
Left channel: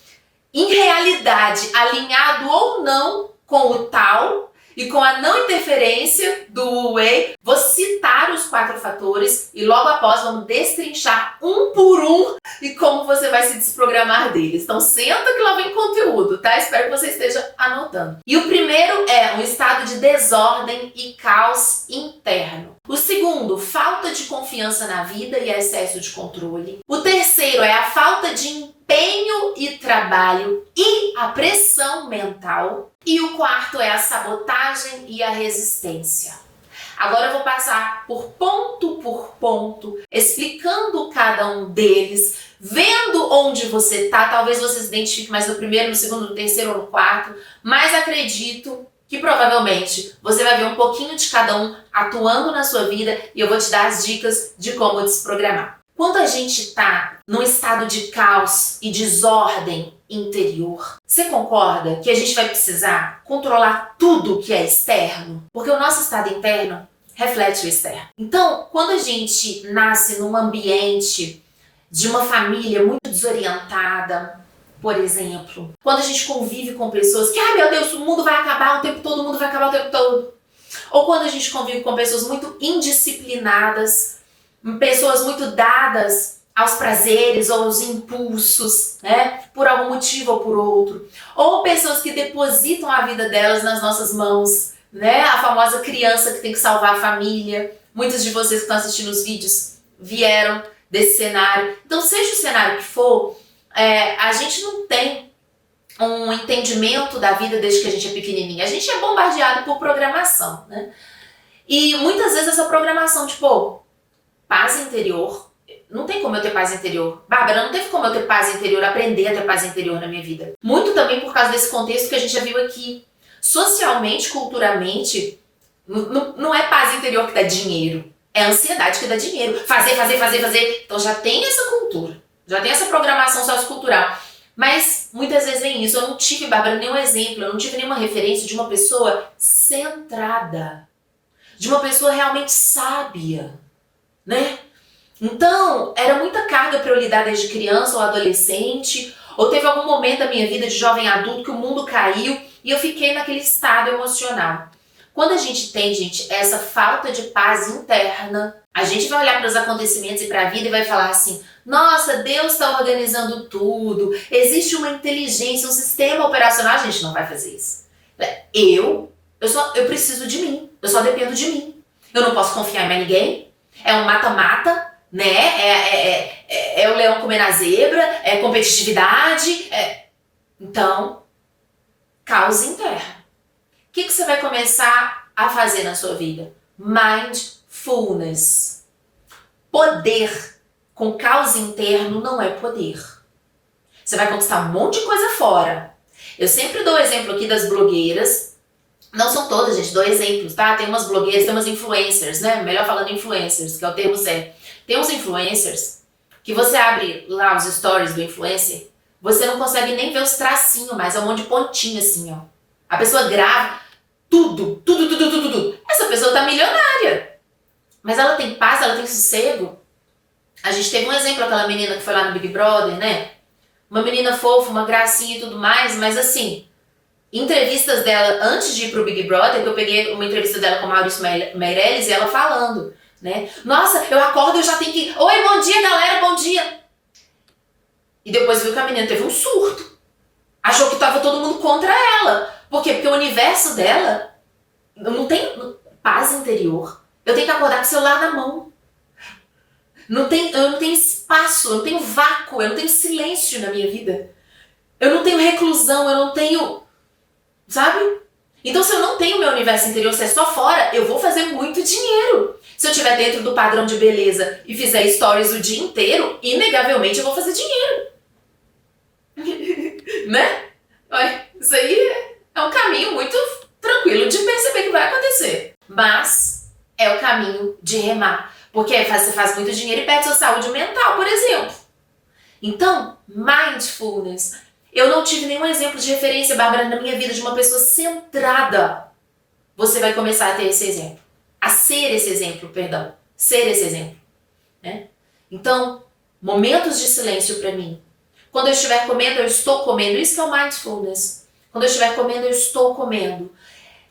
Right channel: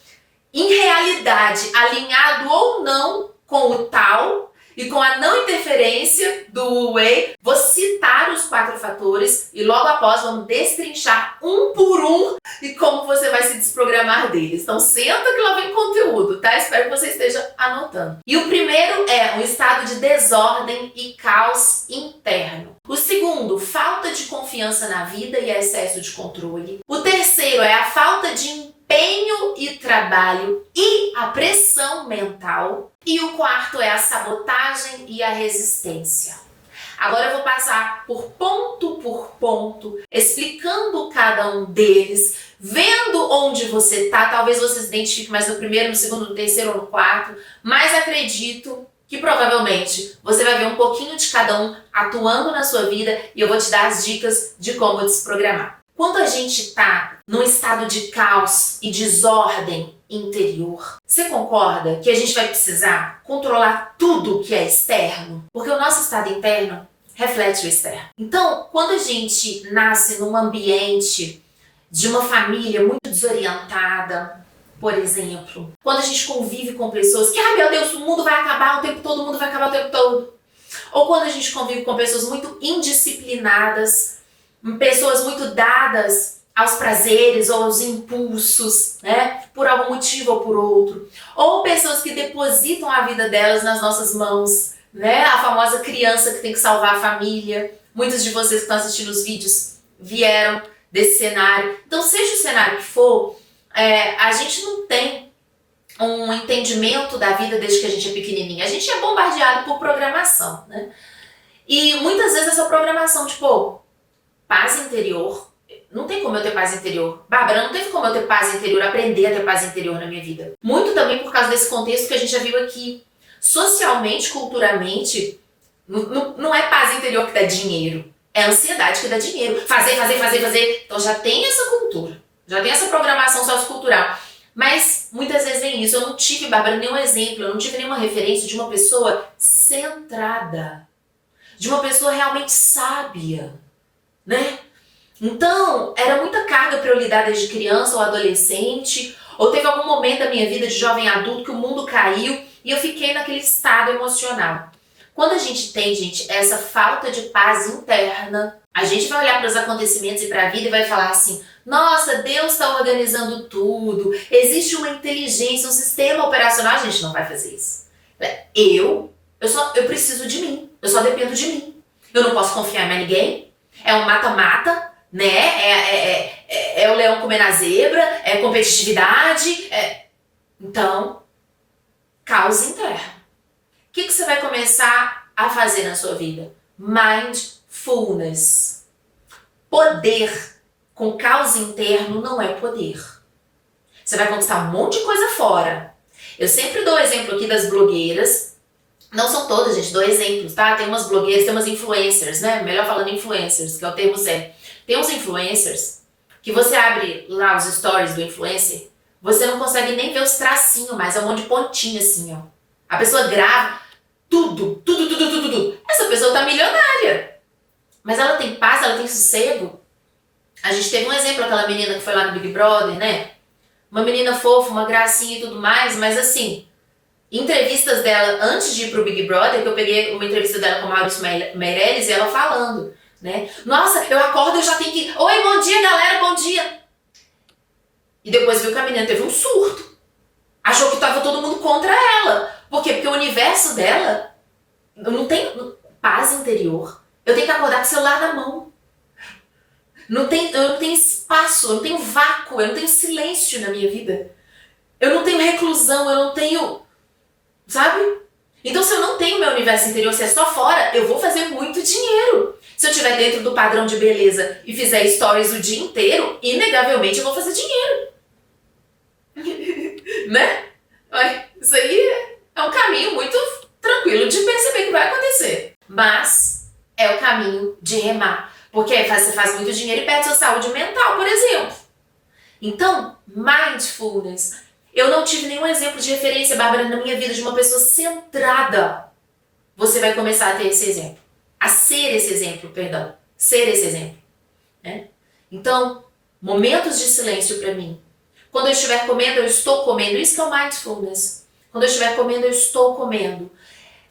em realidade, alinhado ou não com o tal e com a não interferência do Wei, vou citar os 4 fatores e logo após vamos destrinchar um por um e como você vai se desprogramar deles. Então senta que lá vem conteúdo, tá? Espero que você esteja anotando. E o primeiro é um estado de desordem e caos interno. O segundo, falta de confiança na vida e excesso de controle. O terceiro é a falta de empenho e trabalho e a pressão mental. E o quarto é a sabotagem e a resistência. Agora eu vou passar por ponto, explicando cada um deles, vendo onde você está. Talvez você se identifique mais no primeiro, no segundo, no terceiro ou no quarto, mas acredito que provavelmente você vai ver um pouquinho de cada um atuando na sua vida e eu vou te dar as dicas de como desprogramar. Quando a gente está num estado de caos e desordem interior, você concorda que a gente vai precisar controlar tudo que é externo? Porque o nosso estado interno reflete o externo. Então, quando a gente nasce num ambiente de uma família muito desorientada, por exemplo, quando a gente convive com pessoas que, meu Deus, o mundo vai acabar o tempo todo, o mundo vai acabar o tempo todo. Ou quando a gente convive com pessoas muito indisciplinadas, pessoas muito dadas aos prazeres ou aos impulsos, né? Por algum motivo ou por outro. Ou pessoas que depositam a vida delas nas nossas mãos, né? A famosa criança que tem que salvar a família. Muitos de vocês que estão assistindo os vídeos vieram desse cenário. Então, seja o cenário que for, a gente não tem um entendimento da vida desde que a gente é pequenininha. A gente é bombardeado por programação, né? E muitas vezes essa programação, tipo, paz interior. Não tem como eu ter paz interior. Bárbara, não teve como eu ter paz interior, aprender a ter paz interior na minha vida. Muito também por causa desse contexto que a gente já viu aqui. Socialmente, culturalmente, não é paz interior que dá dinheiro. É ansiedade que dá dinheiro. Fazer. Então já tem essa cultura. Já tem essa programação sociocultural. Mas muitas vezes vem isso. Eu não tive, Bárbara, nenhum exemplo. Eu não tive nenhuma referência de uma pessoa centrada. De uma pessoa realmente sábia. Né? Então, era muita carga para eu lidar desde criança ou adolescente, ou teve algum momento da minha vida de jovem adulto que o mundo caiu e eu fiquei naquele estado emocional. Quando a gente tem, gente, essa falta de paz interna, a gente vai olhar para os acontecimentos e para a vida e vai falar assim: nossa, Deus está organizando tudo, existe uma inteligência, um sistema operacional. A gente não vai fazer isso. Eu preciso de mim, eu só dependo de mim. Eu não posso confiar em mais ninguém. É um mata-mata, né? É o leão comendo a zebra, é competitividade. Então, caos interno. O que você vai começar a fazer na sua vida? Mindfulness. Poder com caos interno não é poder. Você vai conquistar um monte de coisa fora. Eu sempre dou o exemplo aqui das blogueiras. Não são todas, gente, dou exemplos, tá? Tem umas blogueiras, tem umas influencers, né? Melhor falando influencers, que é o termo certo. Tem uns influencers que você abre lá os stories do influencer, você não consegue nem ver os tracinhos mais, é um monte de pontinho assim, ó. A pessoa grava tudo. Essa pessoa tá milionária. Mas ela tem paz, ela tem sossego. A gente teve um exemplo, aquela menina que foi lá no Big Brother, né? Uma menina fofa, uma gracinha e tudo mais, mas assim, entrevistas dela antes de ir pro Big Brother, que eu peguei uma entrevista dela com a Maurício Meirelles e ela falando, né? Nossa, eu acordo e eu já tenho que... Oi, bom dia, galera, bom dia. E depois viu que a menina teve um surto. Achou que tava todo mundo contra ela. Por quê? Porque o universo dela não tem paz interior. Eu tenho que acordar com o celular na mão. Eu não tenho espaço, eu não tenho vácuo, eu não tenho silêncio na minha vida. Eu não tenho reclusão, eu não tenho... Sabe? Então, se eu não tenho meu universo interior, se é só fora, eu vou fazer muito dinheiro. Se eu estiver dentro do padrão de beleza e fizer stories o dia inteiro, inegavelmente eu vou fazer dinheiro. Né? Isso aí é um caminho muito tranquilo de perceber que vai acontecer. Mas é o caminho de remar. Porque aí você faz muito dinheiro e perde sua saúde mental, por exemplo. Então, mindfulness. Eu não tive nenhum exemplo de referência, Bárbara, na minha vida de uma pessoa centrada. Você vai começar a ter esse exemplo. A ser esse exemplo, perdão. Ser esse exemplo. Né? Então, momentos de silêncio para mim. Quando eu estiver comendo, eu estou comendo. Isso que é o mindfulness. Quando eu estiver comendo, eu estou comendo.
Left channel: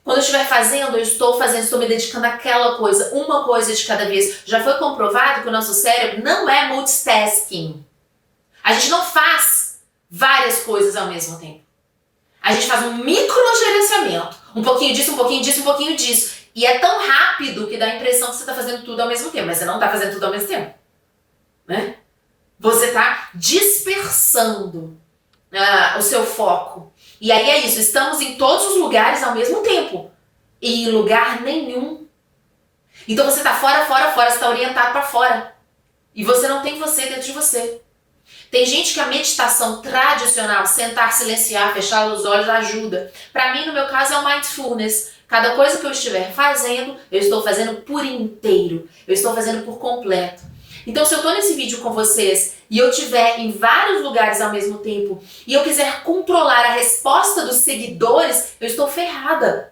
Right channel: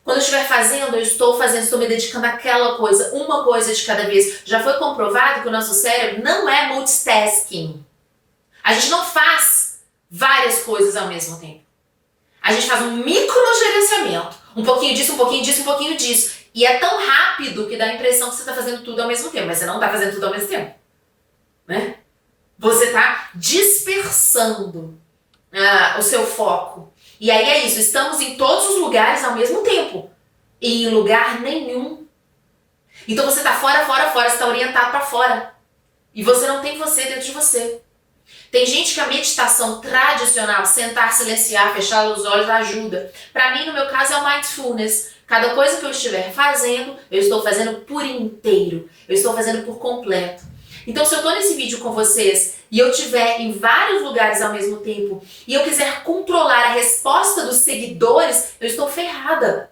Quando eu estiver fazendo, eu estou fazendo, estou me dedicando àquela coisa, uma coisa de cada vez. Já foi comprovado que o nosso cérebro não é multitasking. A gente não faz várias coisas ao mesmo tempo. A gente faz um microgerenciamento. Um pouquinho disso, um pouquinho disso, um pouquinho disso. E é tão rápido que dá a impressão que você está fazendo tudo ao mesmo tempo. Mas você não está fazendo tudo ao mesmo tempo. Né? Você está dispersando o seu foco. E aí é isso, estamos em todos os lugares ao mesmo tempo. E em lugar nenhum. Então você está fora, você está orientado para fora. E você não tem você dentro de você. Tem gente que a meditação tradicional, sentar, silenciar, fechar os olhos, ajuda. Para mim, no meu caso, é o mindfulness. Cada coisa que eu estiver fazendo, eu estou fazendo por inteiro. Eu estou fazendo por completo. Então, se eu estou nesse vídeo com vocês e eu estiver em vários lugares ao mesmo tempo e eu quiser controlar a resposta dos seguidores, eu estou ferrada.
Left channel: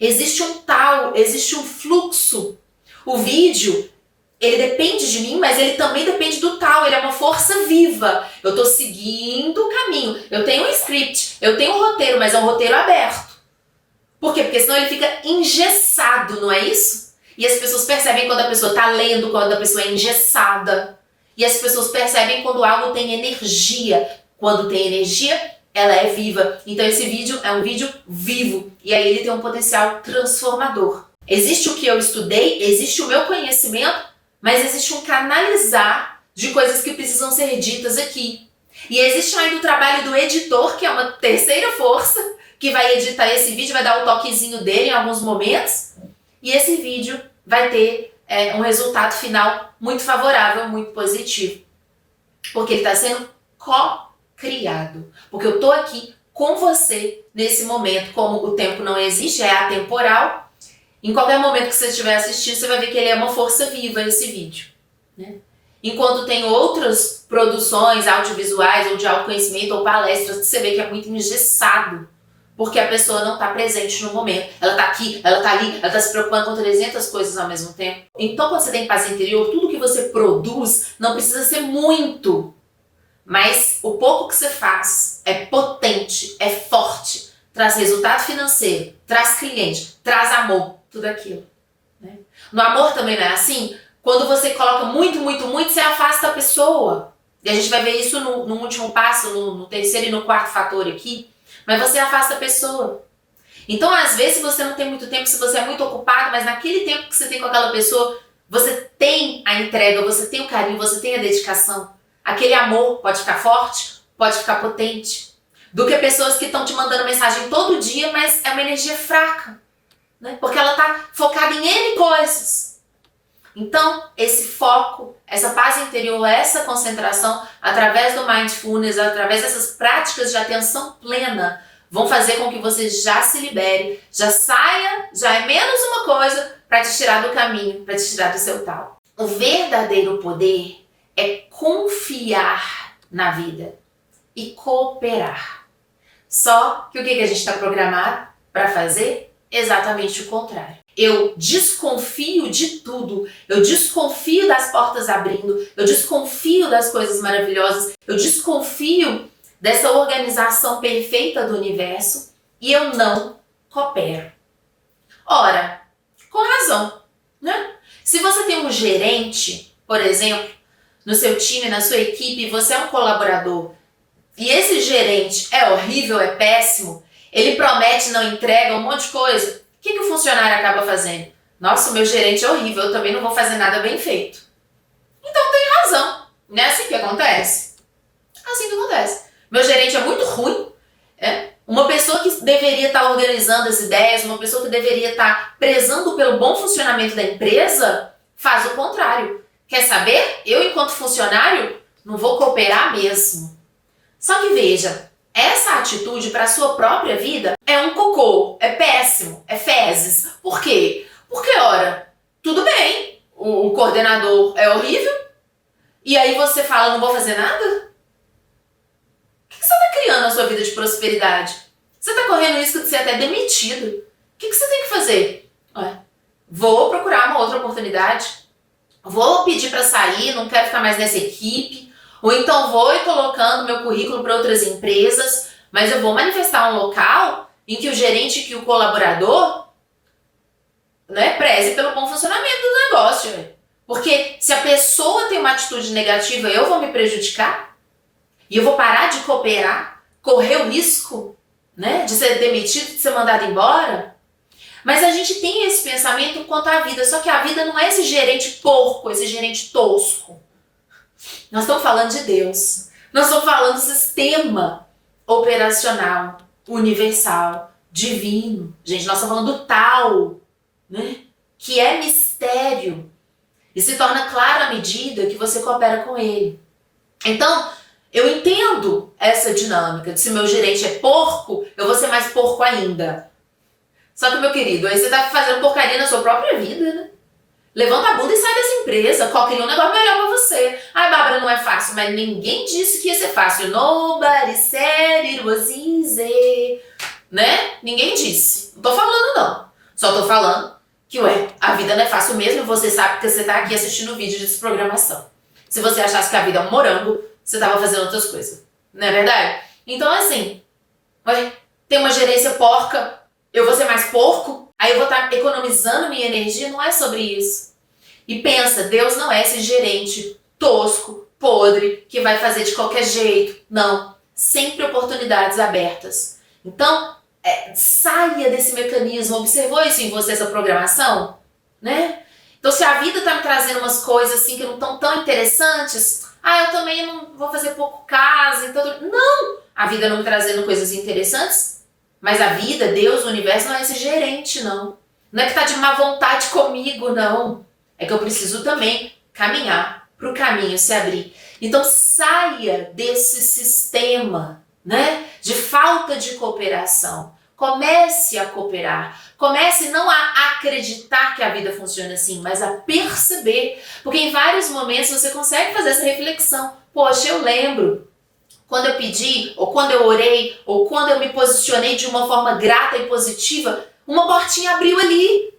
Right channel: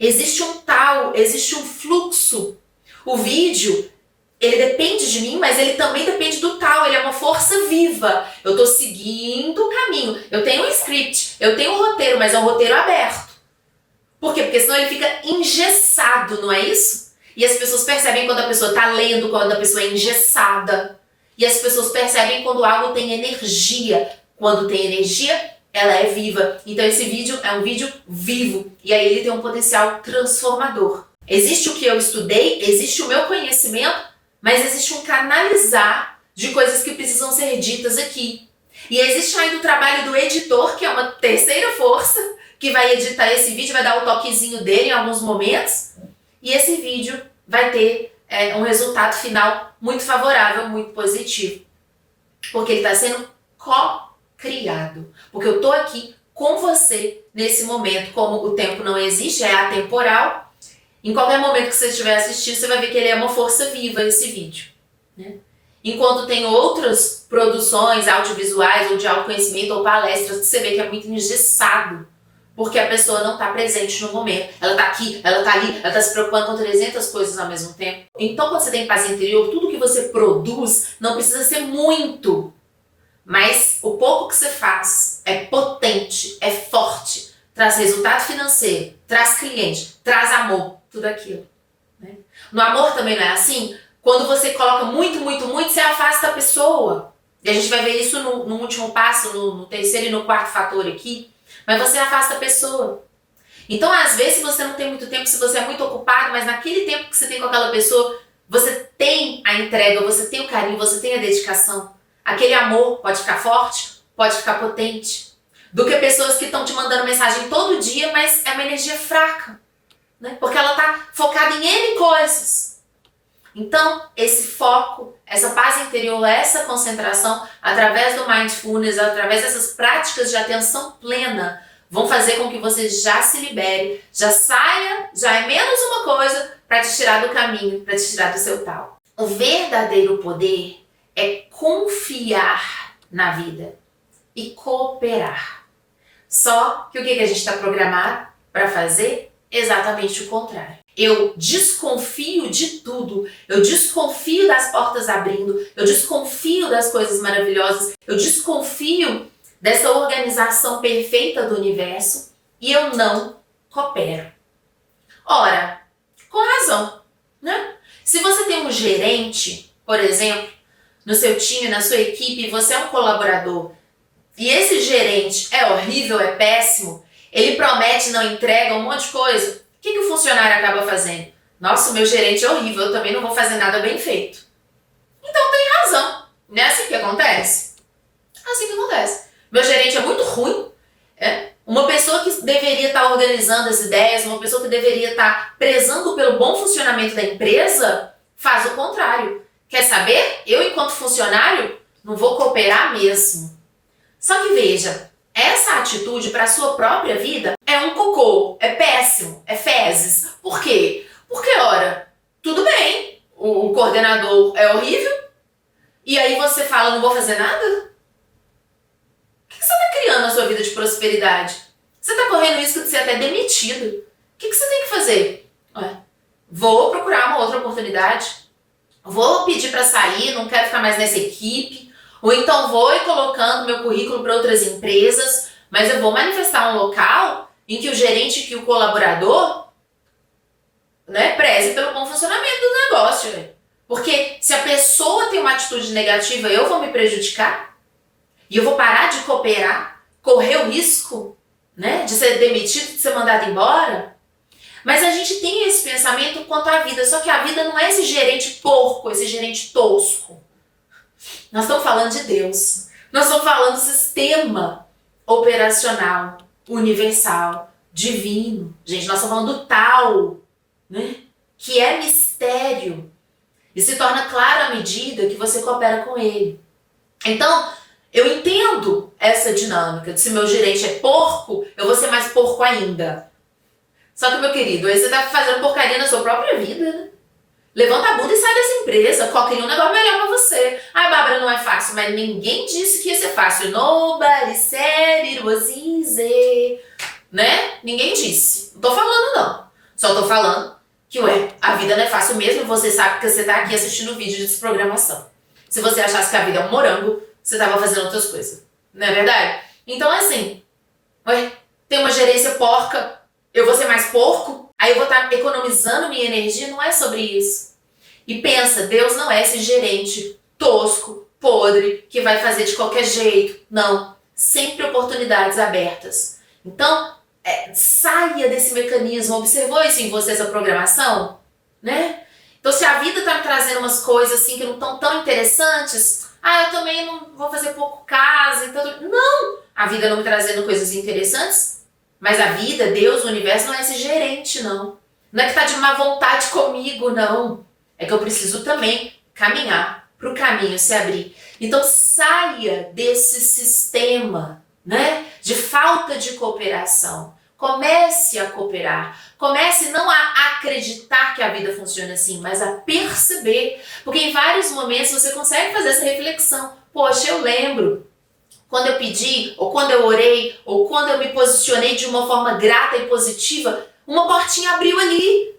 Existe um fluxo. O vídeo, ele depende de mim, mas ele também depende do tal, ele é uma força viva. Eu estou seguindo o caminho. Eu tenho um script, eu tenho um roteiro, mas é um roteiro aberto. Por quê? Porque senão ele fica engessado, não é isso? E as pessoas percebem quando a pessoa está lendo, quando a pessoa é engessada. E as pessoas percebem quando algo tem energia. Quando tem energia, ela é viva. Então esse vídeo é um vídeo vivo. E aí ele tem um potencial transformador. Existe o que eu estudei, existe o meu conhecimento, mas existe um canalizar de coisas que precisam ser ditas aqui. E existe ainda o trabalho do editor, que é uma terceira força, que vai editar esse vídeo, vai dar o toquezinho dele em alguns momentos. E esse vídeo vai ter um resultado final muito favorável, muito positivo. Porque ele está sendo co-criado. Porque eu estou aqui com você nesse momento. Como o tempo não existe, é atemporal. Em qualquer momento que você estiver assistindo, você vai ver que ele é uma força viva, esse vídeo. Né? Enquanto tem outras produções audiovisuais, ou de autoconhecimento, ou palestras, que você vê que é muito engessado. Porque a pessoa não está presente no momento. Ela está aqui, ela está ali, ela está se preocupando com 300 coisas ao mesmo tempo. Então, quando você tem paz interior, tudo que você produz não precisa ser muito. Mas o pouco que você faz é potente, é forte. Traz resultado financeiro, traz cliente, traz amor, tudo aquilo. Né? No amor também não é assim? Quando você coloca muito, muito, muito, você afasta a pessoa. E a gente vai ver isso no último passo, no terceiro e no quarto fator aqui. Mas você afasta a pessoa. Então, às vezes, você não tem muito tempo, se você é muito ocupado, mas naquele tempo que você tem com aquela pessoa, você tem a entrega, você tem o carinho, você tem a dedicação. Aquele amor pode ficar forte, pode ficar potente. Do que pessoas que estão te mandando mensagem todo dia, mas é uma energia fraca. Né? Porque ela está focada em N coisas. Então, esse foco, essa paz interior, essa concentração, através do mindfulness, através dessas práticas de atenção plena, vão fazer com que você já se libere, já saia, já é menos uma coisa para te tirar do caminho, para te tirar do seu tal. O verdadeiro poder é confiar na vida e cooperar. Só que o que a gente está programado para fazer? Exatamente o contrário. Eu desconfio de tudo, eu desconfio das portas abrindo, eu desconfio das coisas maravilhosas, eu desconfio dessa organização perfeita do universo e eu não coopero. Ora, com razão, né? Se você tem um gerente, por exemplo, no seu time, na sua equipe, você é um colaborador, e esse gerente é horrível, é péssimo, ele promete, não entrega um monte de coisa, o que o funcionário acaba fazendo? Nossa, o meu gerente é horrível, eu também não vou fazer nada bem feito. Então tem razão, não é assim que acontece? É assim que acontece. Meu gerente é muito ruim, uma pessoa que deveria estar organizando as ideias, uma pessoa que deveria estar prezando pelo bom funcionamento da empresa, faz o contrário. Quer saber? Eu, enquanto funcionário, não vou cooperar mesmo. Só que veja, essa atitude para a sua própria vida é um cocô, é péssimo, é fezes. Por quê? Porque, ora, tudo bem, o coordenador é horrível, e aí você fala, não vou fazer nada? O que você está criando na sua vida de prosperidade? Você está correndo risco de ser até demitido. O que você tem que fazer? Vou procurar uma outra oportunidade, vou pedir para sair, não quero ficar mais nessa equipe, ou então vou ir colocando meu currículo para outras empresas, mas eu vou manifestar um local em que o gerente, que o colaborador, preze pelo bom funcionamento do negócio. Porque se a pessoa tem uma atitude negativa, eu vou me prejudicar? E eu vou parar de cooperar? Correr o risco, de ser demitido, de ser mandado embora? Mas a gente tem esse pensamento quanto à vida, só que a vida não é esse gerente porco, esse gerente tosco. Nós estamos falando de Deus. Nós estamos falando do sistema operacional, universal, divino. Gente, nós estamos falando do tal, que é mistério. E se torna claro à medida que você coopera com ele. Então, eu entendo essa dinâmica. Se meu gerente é porco, eu vou ser mais porco ainda. Só que, meu querido, aí você tá fazendo porcaria na sua própria vida, Levanta a bunda e sai dessa empresa. Qualquer um negócio melhor pra você. Ai, Bárbara, não é fácil. Mas ninguém disse que ia ser fácil. Nobody said it was easy. Ninguém disse. Não tô falando, não. Só tô falando que, a vida não é fácil mesmo. Você sabe que você tá aqui assistindo o vídeo de desprogramação. Se você achasse que a vida é um morango, você tava fazendo outras coisas. Não é verdade? Então, assim, tem uma gerência porca, eu vou ser mais porco, aí eu vou estar economizando minha energia, não é sobre isso. E pensa, Deus não é esse gerente tosco, podre, que vai fazer de qualquer jeito. Não, sempre oportunidades abertas. Então, saia desse mecanismo. Observou isso em você, essa programação? Então, se a vida está me trazendo umas coisas assim que não estão tão interessantes, eu também não vou fazer pouco caso. Então, não! A vida não me trazendo coisas interessantes, mas a vida, Deus, o universo não é esse gerente, não. Não é que tá de má vontade comigo, não. É que eu preciso também caminhar para o caminho se abrir. Então saia desse sistema, de falta de cooperação. Comece a cooperar. Comece não a acreditar que a vida funciona assim, mas a perceber. Porque em vários momentos você consegue fazer essa reflexão. Poxa, eu lembro quando eu pedi, ou quando eu orei, ou quando eu me posicionei de uma forma grata e positiva, uma portinha abriu ali.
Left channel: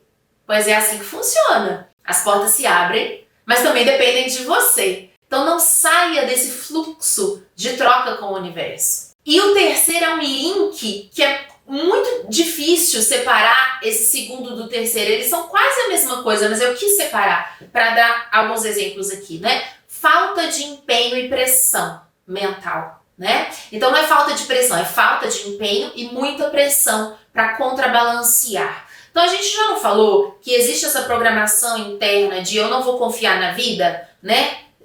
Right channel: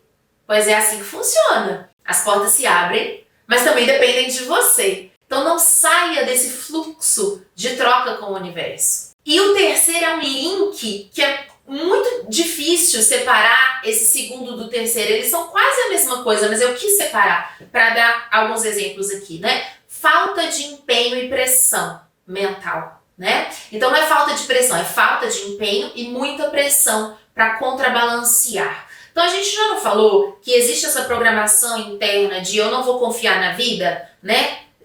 Pois é assim que funciona. As portas se abrem, mas também dependem de você. Então não saia desse fluxo de troca com o universo. E o terceiro é um link que é muito difícil separar esse segundo do terceiro. Eles são quase a mesma coisa, mas eu quis separar para dar alguns exemplos aqui, Falta de empenho e pressão mental. Então não é falta de pressão, é falta de empenho e muita pressão para contrabalancear. Então a gente já não falou que existe essa programação interna de eu não vou confiar na vida,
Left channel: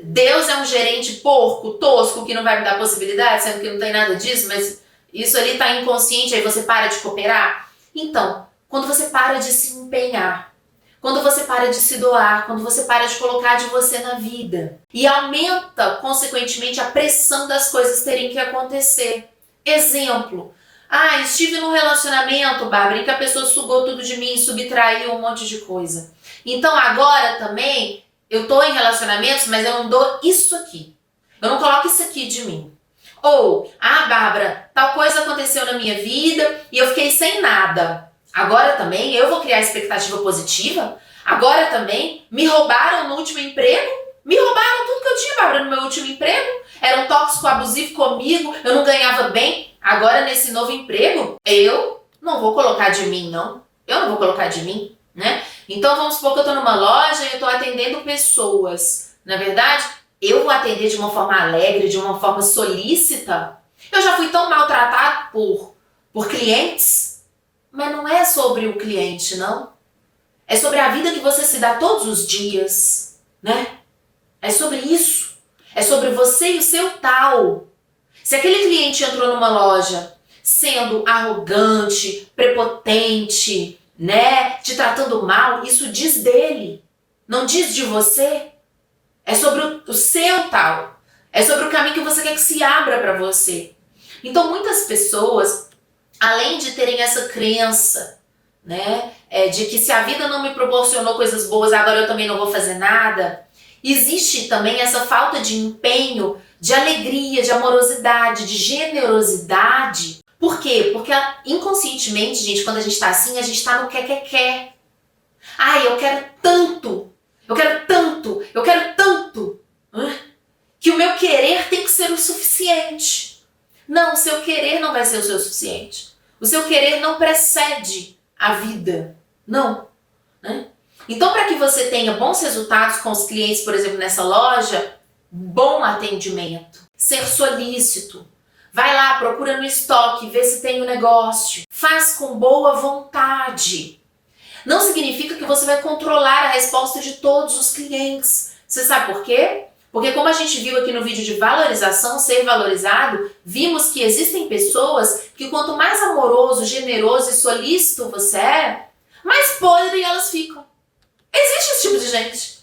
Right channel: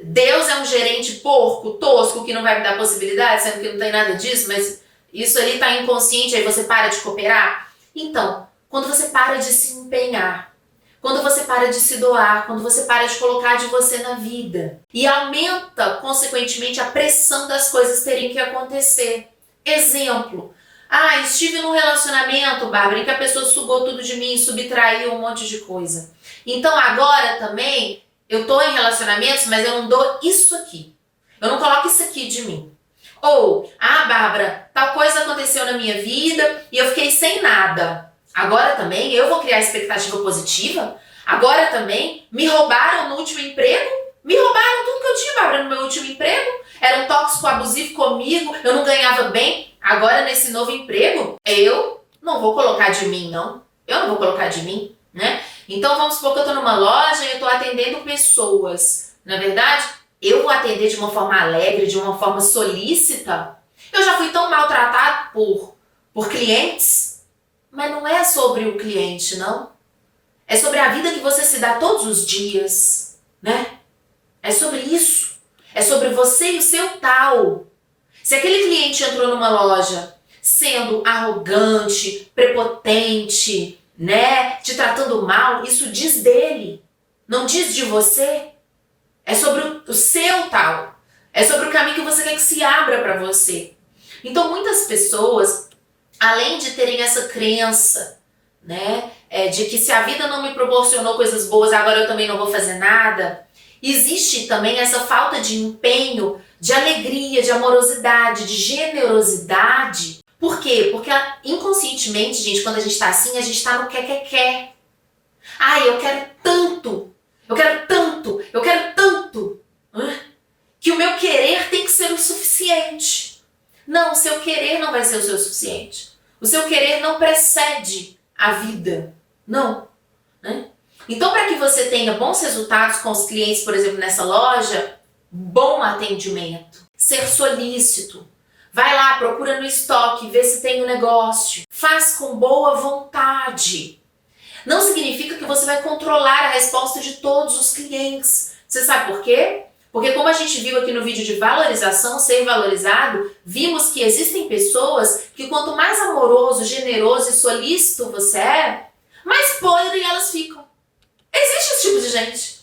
Deus é um gerente porco, tosco, que não vai me dar possibilidade, sendo que não tem nada disso, mas isso ali está inconsciente, aí você para de cooperar. Então, quando você para de se empenhar, quando você para de se doar, quando você para de colocar de você na vida e aumenta, consequentemente, a pressão das coisas terem que acontecer. Exemplo, estive num relacionamento, Bárbara, em que a pessoa sugou tudo de mim, subtraiu um monte de coisa. Então agora também, eu tô em relacionamentos, mas eu não dou isso aqui. Eu não coloco isso aqui de mim. Ou, Bárbara, tal coisa aconteceu na minha vida e eu fiquei sem nada. Agora também eu vou criar expectativa positiva? Agora também me roubaram no último emprego? Me roubaram tudo que eu tinha, Bárbara, no meu último emprego? Era um tóxico abusivo comigo, eu não ganhava bem. Agora nesse novo emprego, eu não vou colocar de mim, não. Eu não vou colocar de mim, Então vamos supor que eu tô numa loja e eu tô atendendo pessoas. Na verdade, eu vou atender de uma forma alegre, de uma forma solícita. Eu já fui tão maltratado por clientes, mas não é sobre o cliente, não. É sobre a vida que você se dá todos os dias, né? É sobre isso. É sobre você e o seu tal. Se aquele cliente entrou numa loja sendo arrogante, prepotente, né, te tratando mal, isso diz dele, não diz de você. É sobre o seu tal. É sobre o caminho que você quer que se abra para você. Então muitas pessoas, além de terem essa crença, né, de que se a vida não me proporcionou coisas boas, agora eu também não vou fazer nada, existe também essa falta de empenho, de alegria, de amorosidade, de generosidade. Por quê? Porque inconscientemente, gente, quando a gente tá assim, a gente tá no quer. Ai, eu quero tanto, eu quero tanto, eu quero tanto, que o meu querer tem que ser o suficiente. Não, o seu querer não vai ser o seu suficiente. O seu querer não precede a vida. Não. Né? Então, para que você tenha bons resultados com os clientes, por exemplo, nessa loja, bom atendimento, ser solícito. Vai lá, procura no estoque, vê se tem um negócio. Faz com boa vontade. Não significa que você vai controlar a resposta de todos os clientes. Você sabe por quê? Porque como a gente viu aqui no vídeo de valorização, ser valorizado, vimos que existem pessoas que quanto mais amoroso, generoso e solícito você é, mais podre elas ficam. Existe esse tipo de gente.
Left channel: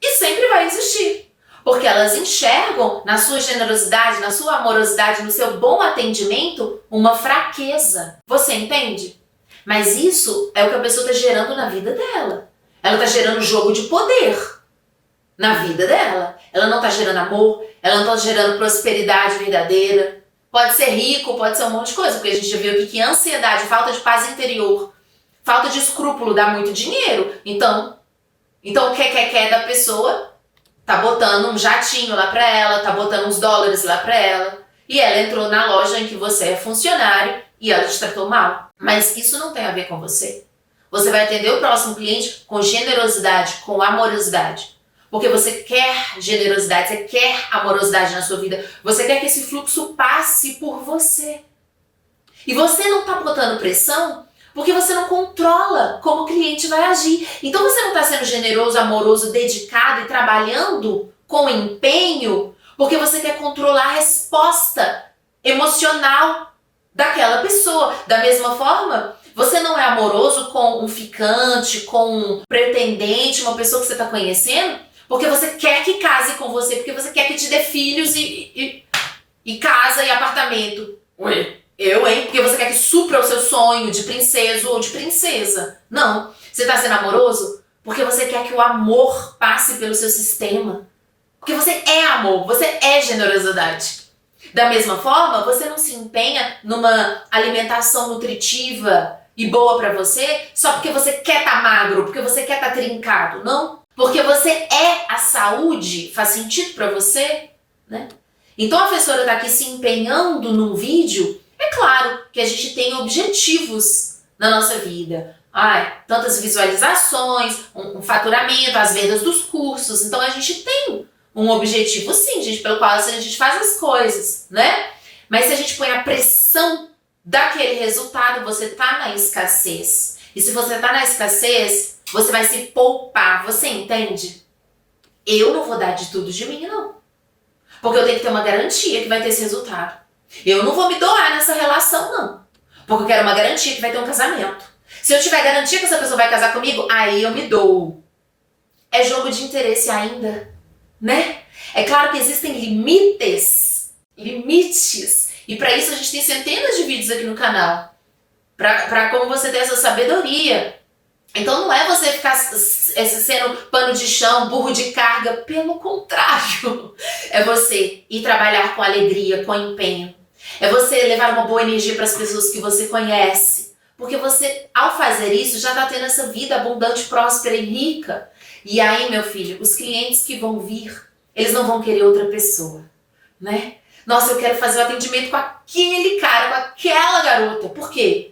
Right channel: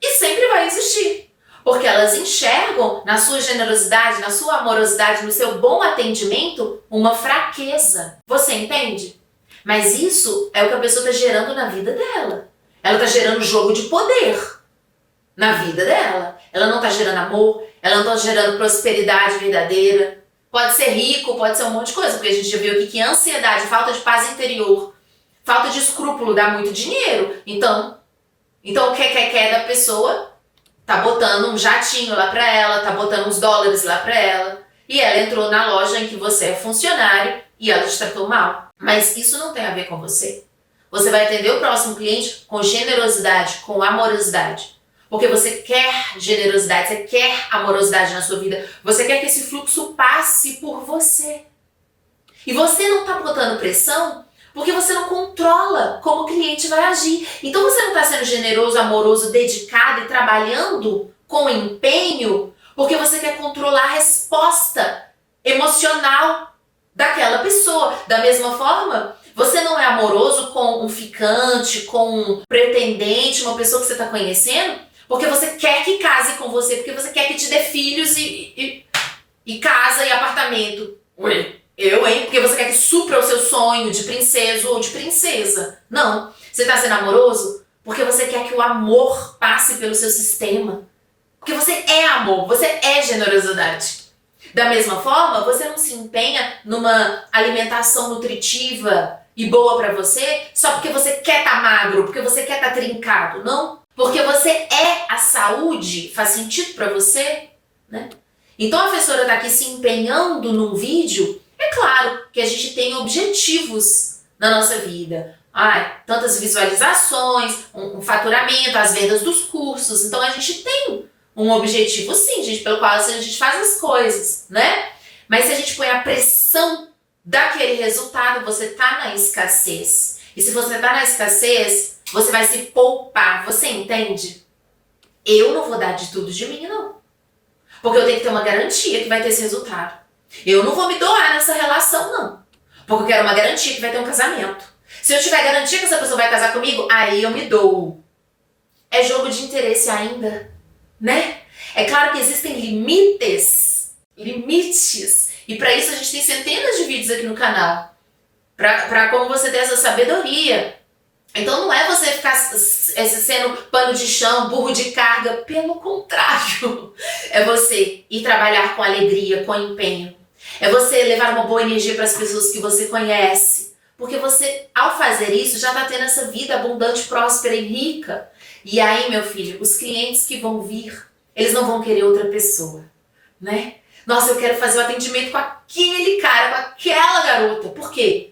E sempre vai existir. Porque elas enxergam na sua generosidade, na sua amorosidade, no seu bom atendimento, uma fraqueza. Você entende? Mas isso é o que a pessoa está gerando na vida dela. Ela está gerando jogo de poder na vida dela. Ela não está gerando amor, ela não está gerando prosperidade verdadeira. Pode ser rico, pode ser um monte de coisa, porque a gente já viu aqui que ansiedade, falta de paz interior, falta de escrúpulo dá muito dinheiro. Então o que da pessoa tá botando um jatinho lá pra ela, tá botando uns dólares lá pra ela. E ela entrou na loja em que você é funcionário e ela te tratou mal. Mas isso não tem a ver com você. Você vai atender o próximo cliente com generosidade, com amorosidade. Porque você quer generosidade, você quer amorosidade na sua vida. Você quer que esse fluxo passe por você. E você não tá botando pressão porque você não controla como o cliente vai agir. Então você não está sendo generoso, amoroso, dedicado e trabalhando com empenho porque você quer controlar a resposta emocional daquela pessoa. Da mesma forma, você não é amoroso com um ficante, com um pretendente, uma pessoa que você está conhecendo, porque você quer que case com você, porque você quer que te dê filhos e casa e apartamento. Ué. Porque você quer que supra o seu sonho de princesa ou de princesa. Não. Você está sendo amoroso porque você quer que o amor passe pelo seu sistema. Porque você é amor, você é generosidade. Da mesma forma, você não se empenha numa alimentação nutritiva e boa para você só porque você quer estar magro, porque você quer estar trincado. Não. Porque você é a saúde. Faz sentido para você? Né? Então a professora está aqui se empenhando num vídeo. É claro que a gente tem objetivos na nossa vida. Tantas visualizações, um faturamento, as vendas dos cursos. Então a gente tem um objetivo sim, gente, pelo qual a gente faz as coisas, né? Mas se a gente põe a pressão daquele resultado, você tá na escassez. E se você tá na escassez, você vai se poupar. Você entende? Eu não vou dar de tudo de mim, não. Porque eu tenho que ter uma garantia que vai ter esse resultado. Eu não vou me doar nessa relação, não. Porque eu quero uma garantia que vai ter um casamento. Se eu tiver garantia que essa pessoa vai casar comigo, aí eu me dou. É jogo de interesse ainda, né? É claro que existem limites. E para isso a gente tem centenas de vídeos aqui no canal. Para como você ter essa sabedoria. Então não é você ficar sendo pano de chão, burro de carga. Pelo contrário. É você ir trabalhar com alegria, com empenho. É você levar uma boa energia para as pessoas que você conhece. Porque você, ao fazer isso, já está tendo essa vida abundante, próspera e rica. E aí, meu filho, os clientes que vão vir, eles não vão querer outra pessoa, né? Nossa, eu quero fazer o atendimento com aquele cara, com aquela garota. Por quê?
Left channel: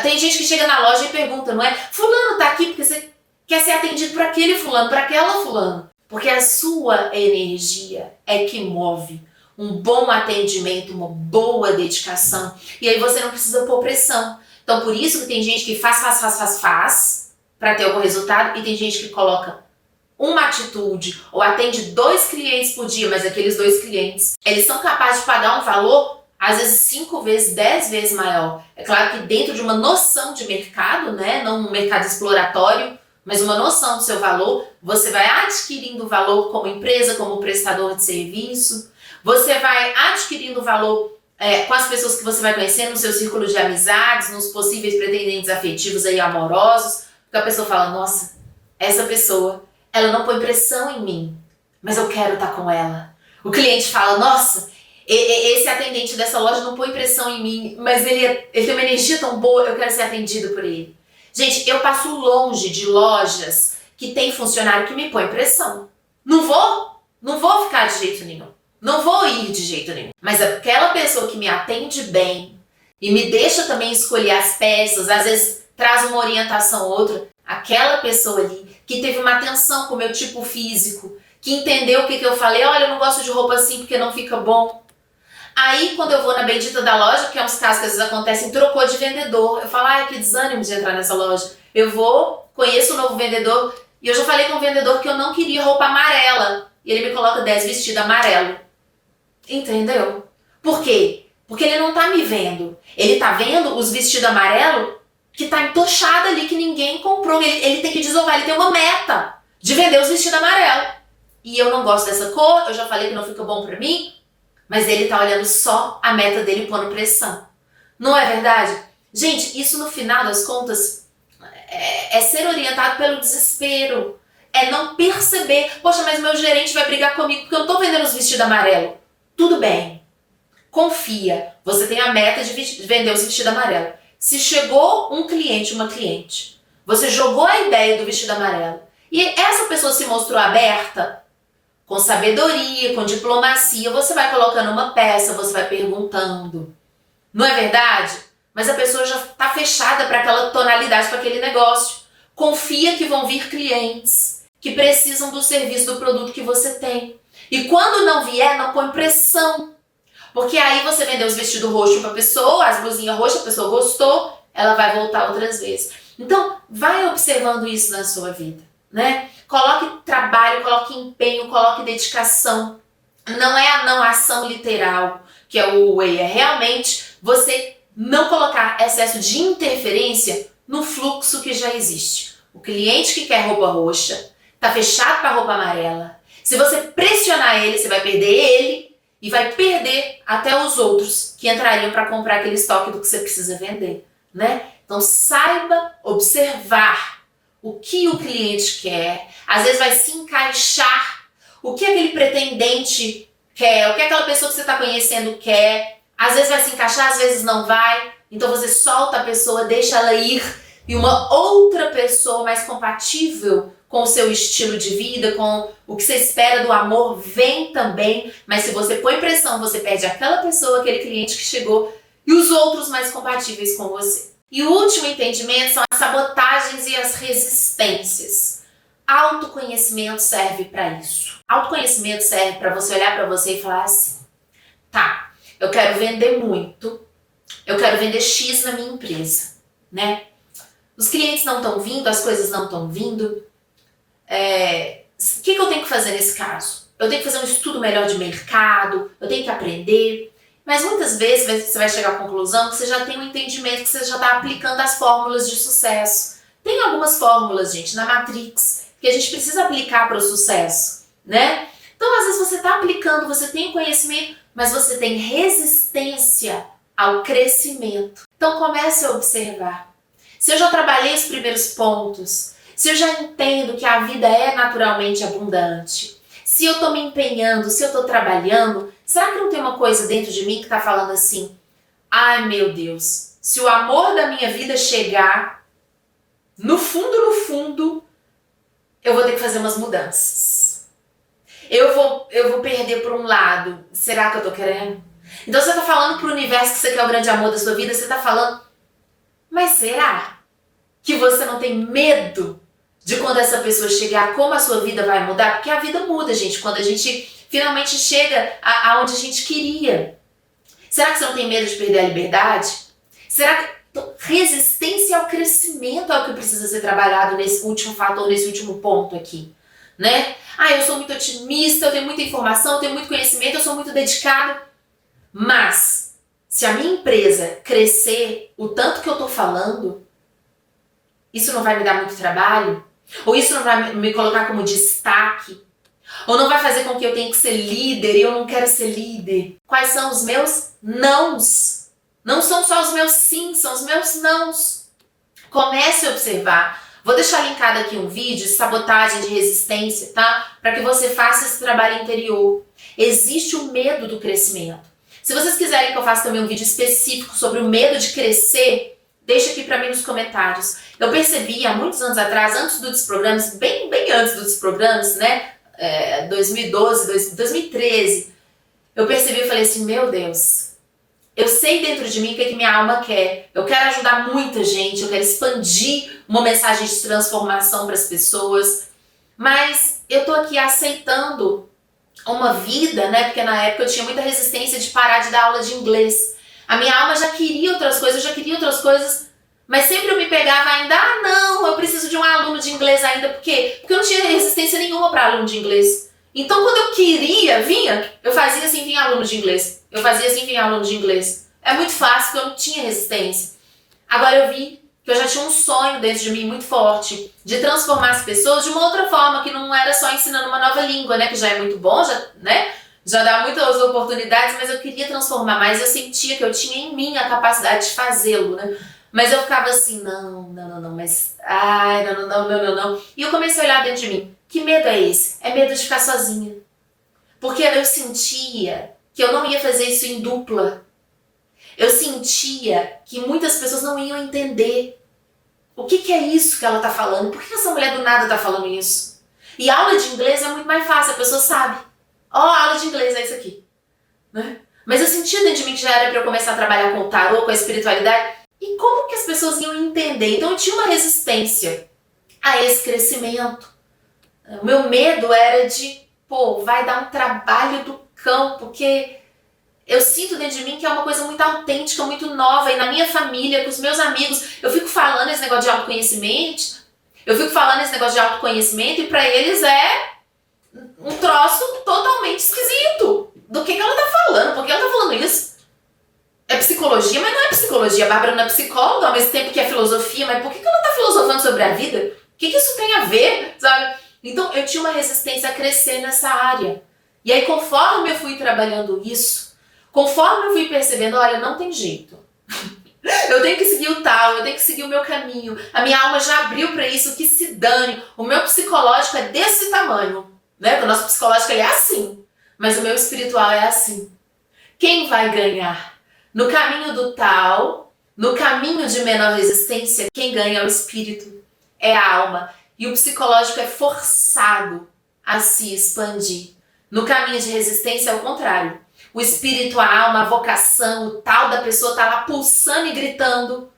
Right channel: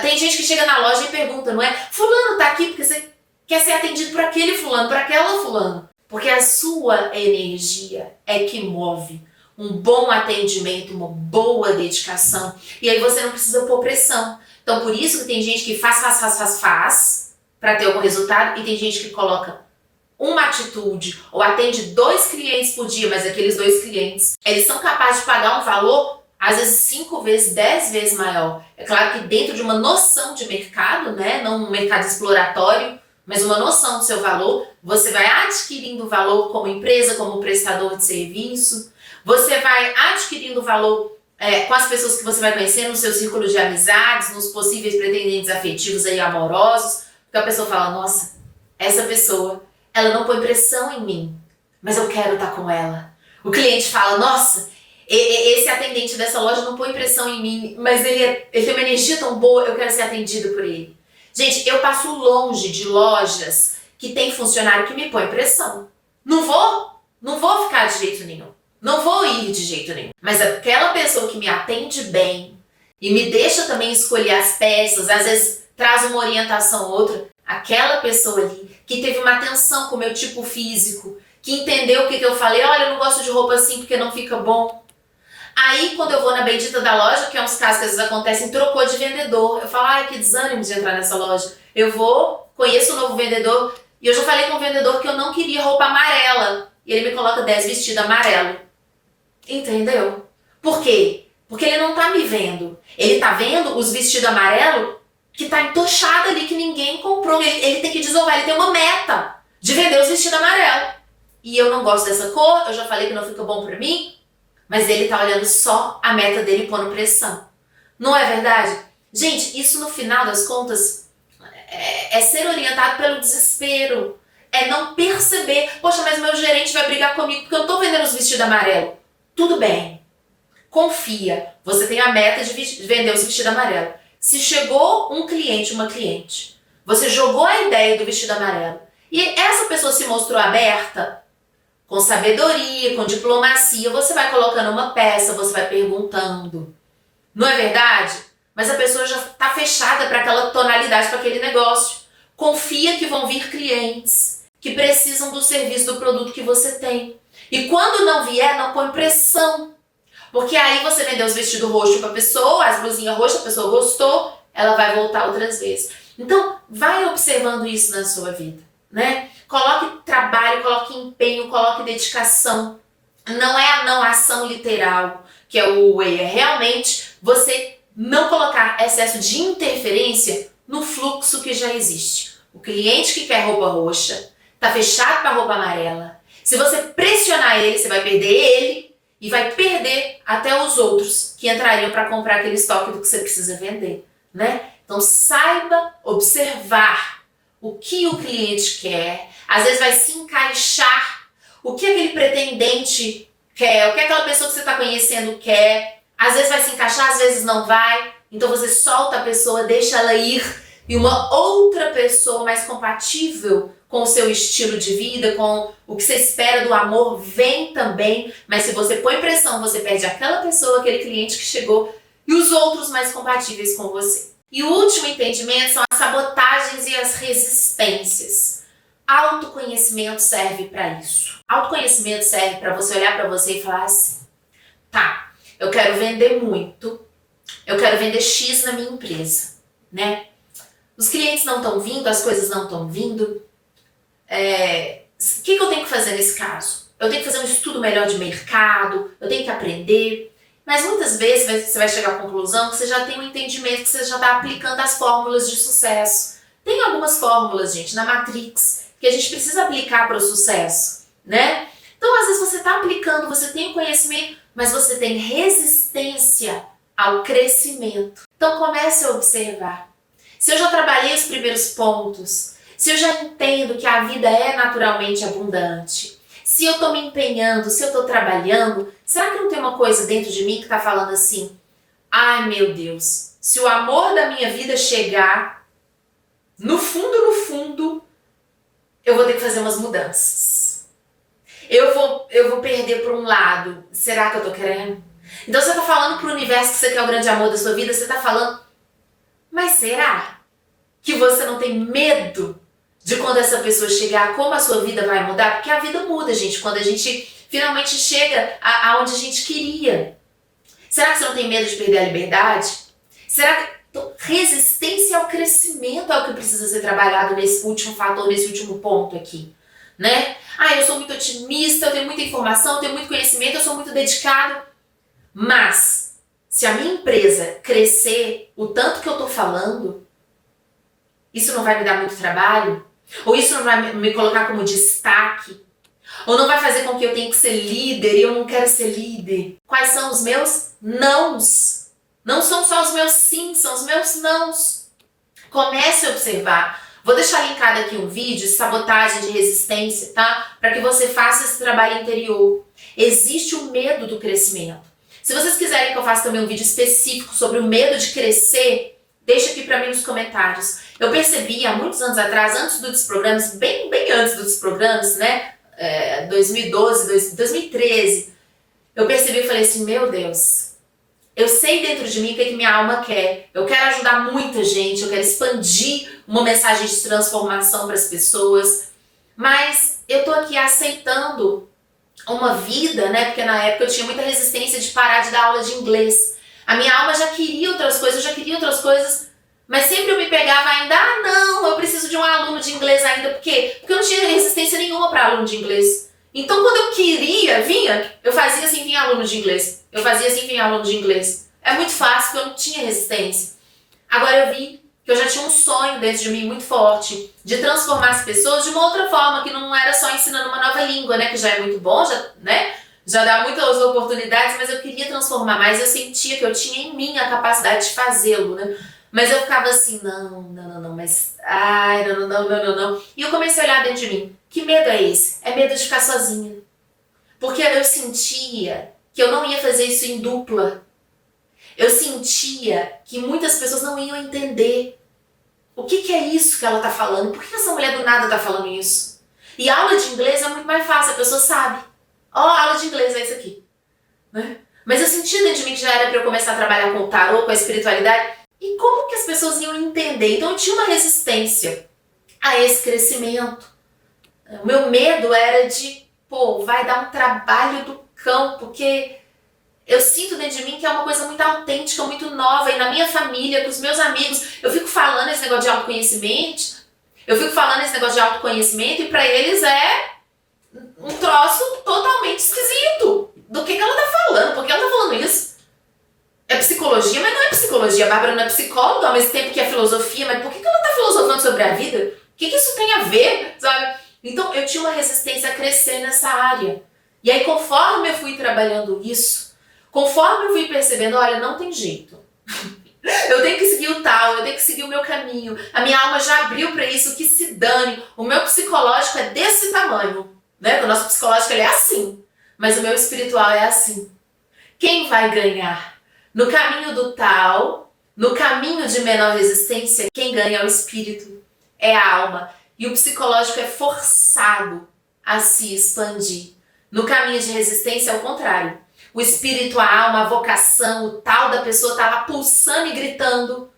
Tem gente que chega na loja e pergunta, não é? Fulano tá aqui porque você quer ser atendido por aquele fulano, por aquela fulano. Porque a sua energia é que move um bom atendimento, uma boa dedicação. E aí você não precisa pôr pressão. Então por isso que tem gente que faz para ter algum resultado e tem gente que coloca uma atitude ou atende 2 clientes por dia, mas aqueles 2 clientes, eles são capazes de pagar um valor às vezes 5 vezes, 10 vezes maior. É claro que dentro de uma noção de mercado, né, não um mercado exploratório, mas uma noção do seu valor, você vai adquirindo valor como empresa, como prestador de serviço, você vai adquirindo valor com as pessoas que você vai conhecer no seu círculo de amizades, nos possíveis pretendentes afetivos aí amorosos, porque a pessoa fala, nossa, essa pessoa, ela não põe pressão em mim, mas eu quero estar com ela. O cliente fala, nossa, esse atendente dessa loja não põe pressão em mim, mas ele tem uma energia tão boa, eu quero ser atendido por ele. Gente, eu passo longe de lojas que tem funcionário que me põe pressão. Não vou ficar de jeito nenhum. Não vou ir de jeito nenhum. Mas aquela pessoa que me atende bem e me deixa também escolher as peças, às vezes traz uma orientação ou outra, aquela pessoa ali que teve uma atenção com o meu tipo físico, que entendeu o que eu falei, olha, eu não gosto de roupa assim porque não fica bom. Aí, quando eu vou na bendita da loja, que é uns casos que às vezes acontecem, trocou de vendedor. Eu falo, ai, que desânimo de entrar nessa loja. Eu vou, conheço um novo vendedor, e eu já falei com o vendedor que eu não queria roupa amarela. E ele me coloca 10 vestidos amarelo. Entendeu? Por quê? Porque ele não tá me vendo. Ele tá vendo os vestidos amarelos que tá entochado ali, que ninguém comprou. Ele tem que desovar, ele tem uma meta de vender os vestidos amarelos. E eu não gosto dessa cor, eu já falei que não fica bom pra mim. Mas ele tá olhando só a meta dele pondo pressão. Não é verdade? Gente, isso no final das contas é ser orientado pelo desespero. É não perceber, poxa, mas meu gerente vai brigar comigo porque eu tô vendendo os vestidos amarelos. Tudo bem. Confia. Você tem a meta de vender os vestidos amarelos. Se chegou um cliente, uma cliente, você jogou a ideia do vestido amarelo e essa pessoa se mostrou aberta, com sabedoria, com diplomacia, você vai colocando uma peça, você vai perguntando. Não é verdade? Mas a pessoa já está fechada para aquela tonalidade, para aquele negócio. Confia que vão vir clientes que precisam do serviço, do produto que você tem. E quando não vier, não põe pressão. Porque aí você vendeu os vestidos roxos para a pessoa, as blusinhas roxas, a pessoa gostou, ela vai voltar outras vezes. Então, vai observando isso na sua vida, né? Coloque trabalho, coloque empenho, coloque dedicação. Não é a não ação literal, que é o way, é realmente você não colocar excesso de interferência no fluxo que já existe. O cliente que quer roupa roxa está fechado para roupa amarela. Se você pressionar ele, você vai perder ele e vai perder até os outros que entrariam para comprar aquele estoque do que você precisa vender, né? Então saiba observar o que o cliente quer. Às vezes vai se encaixar o que aquele pretendente quer, o que aquela pessoa que você está conhecendo quer. Às vezes vai se encaixar, às vezes não vai. Então você solta a pessoa, deixa ela ir e uma outra pessoa mais compatível com o seu estilo de vida, com o que você espera do amor, vem também. Mas se você põe pressão, você perde aquela pessoa, aquele cliente que chegou e os outros mais compatíveis com você. E o último entendimento são as sabotagens e as resistências. Autoconhecimento serve para isso. Autoconhecimento serve para você olhar para você e falar assim, tá, eu quero vender muito, eu quero vender X na minha empresa, né? Os clientes não estão vindo, as coisas não estão vindo. O que eu tenho que fazer nesse caso? Eu tenho que fazer um estudo melhor de mercado, eu tenho que aprender. Mas muitas vezes você vai chegar à conclusão que você já tem um entendimento, que você já está aplicando as fórmulas de sucesso. Tem algumas fórmulas, gente, na Matrix, que a gente precisa aplicar para o sucesso, né? Então, às vezes você está aplicando, você tem conhecimento, mas você tem resistência ao crescimento. Então, comece a observar. Se eu já trabalhei os primeiros pontos, se eu já entendo que a vida é naturalmente abundante, se eu estou me empenhando, se eu estou trabalhando, será que não tem uma coisa dentro de mim que está falando assim, ai meu Deus, se o amor da minha vida chegar, no fundo, eu vou ter que fazer umas mudanças. Eu vou perder por um lado, será que eu estou querendo? Então você está falando para o universo que você quer o grande amor da sua vida, você está falando, mas será que você não tem medo de quando essa pessoa chegar, como a sua vida vai mudar? Porque a vida muda, gente, quando a gente finalmente chega aonde a gente queria. Será que você não tem medo de perder a liberdade? Será que resistência ao crescimento é o que precisa ser trabalhado nesse último fator, nesse último ponto aqui, né? Eu sou muito otimista, eu tenho muita informação, eu tenho muito conhecimento, eu sou muito dedicado. Mas, se a minha empresa crescer o tanto que eu tô falando, isso não vai me dar muito trabalho? Ou isso não vai me colocar como destaque? Ou não vai fazer com que eu tenha que ser líder e eu não quero ser líder? Quais são os meus nãos? Não são só os meus sims, são os meus nãos. Comece a observar. Vou deixar linkado aqui um vídeo de sabotagem de resistência, tá? Para que você faça esse trabalho interior. Existe o medo do crescimento. Se vocês quiserem que eu faça também um vídeo específico sobre o medo de crescer, deixa aqui para mim nos comentários. Eu percebi há muitos anos atrás, antes do Desprogrames, bem antes do Desprogrames, né? 2012, 2013, eu percebi e falei assim, meu Deus, eu sei dentro de mim o que minha alma quer. Eu quero ajudar muita gente, eu quero expandir uma mensagem de transformação para as pessoas, mas eu tô aqui aceitando uma vida, né? Porque na época eu tinha muita resistência de parar de dar aula de inglês. A minha alma já queria outras coisas, mas sempre eu me pegava ainda, não, eu preciso de um aluno de inglês ainda. Por quê? Porque eu não tinha resistência nenhuma para aluno de inglês. Então quando eu queria, eu fazia assim, vinha aluno de inglês. Eu fazia assim, vinha aluno de inglês. É muito fácil, porque eu não tinha resistência. Agora eu vi que eu já tinha um sonho dentro de mim muito forte, de transformar as pessoas de uma outra forma, que não era só ensinando uma nova língua, né, que já é muito bom, já dá muitas oportunidades, mas eu queria transformar mais, eu sentia que eu tinha em mim a capacidade de fazê-lo, né, mas eu ficava assim, não, mas, não. E eu comecei a olhar dentro de mim, que medo é esse? É medo de ficar sozinha, porque eu sentia que eu não ia fazer isso em dupla. Eu sentia que muitas pessoas não iam entender o que é isso que ela está falando. Por que essa mulher do nada está falando isso? E aula de inglês é muito mais fácil, a pessoa sabe. Aula de inglês é isso aqui. Né? Mas eu sentia dentro de mim que já era para eu começar a trabalhar com o tarô, com a espiritualidade. E como que as pessoas iam entender? Então eu tinha uma resistência a esse crescimento. O meu medo era de, vai dar um trabalho do cão, porque eu sinto dentro de mim que é uma coisa muito autêntica, muito nova, e na minha família, com os meus amigos, eu fico falando esse negócio de autoconhecimento, e pra eles é um troço totalmente esquisito. Do que ela tá falando? Por que ela tá falando isso? É psicologia, mas não é psicologia. A Bárbara não é psicóloga, ao mesmo tempo que é filosofia, mas por que ela tá filosofando sobre a vida? O que isso tem a ver, sabe? Então eu tinha uma resistência a crescer nessa área. E aí, conforme eu fui trabalhando isso, conforme eu fui percebendo, olha, não tem jeito. Eu tenho que seguir o tal, eu tenho que seguir o meu caminho. A minha alma já abriu para isso, que se dane. O meu psicológico é desse tamanho, né? O nosso psicológico ele é assim, mas o meu espiritual é assim. Quem vai ganhar? No caminho do tal, no caminho de menor resistência, quem ganha é o espírito, é a alma. E o psicológico é forçado a se expandir. No caminho de resistência é o contrário. O espírito, a alma, a vocação, o tal da pessoa está lá pulsando e gritando,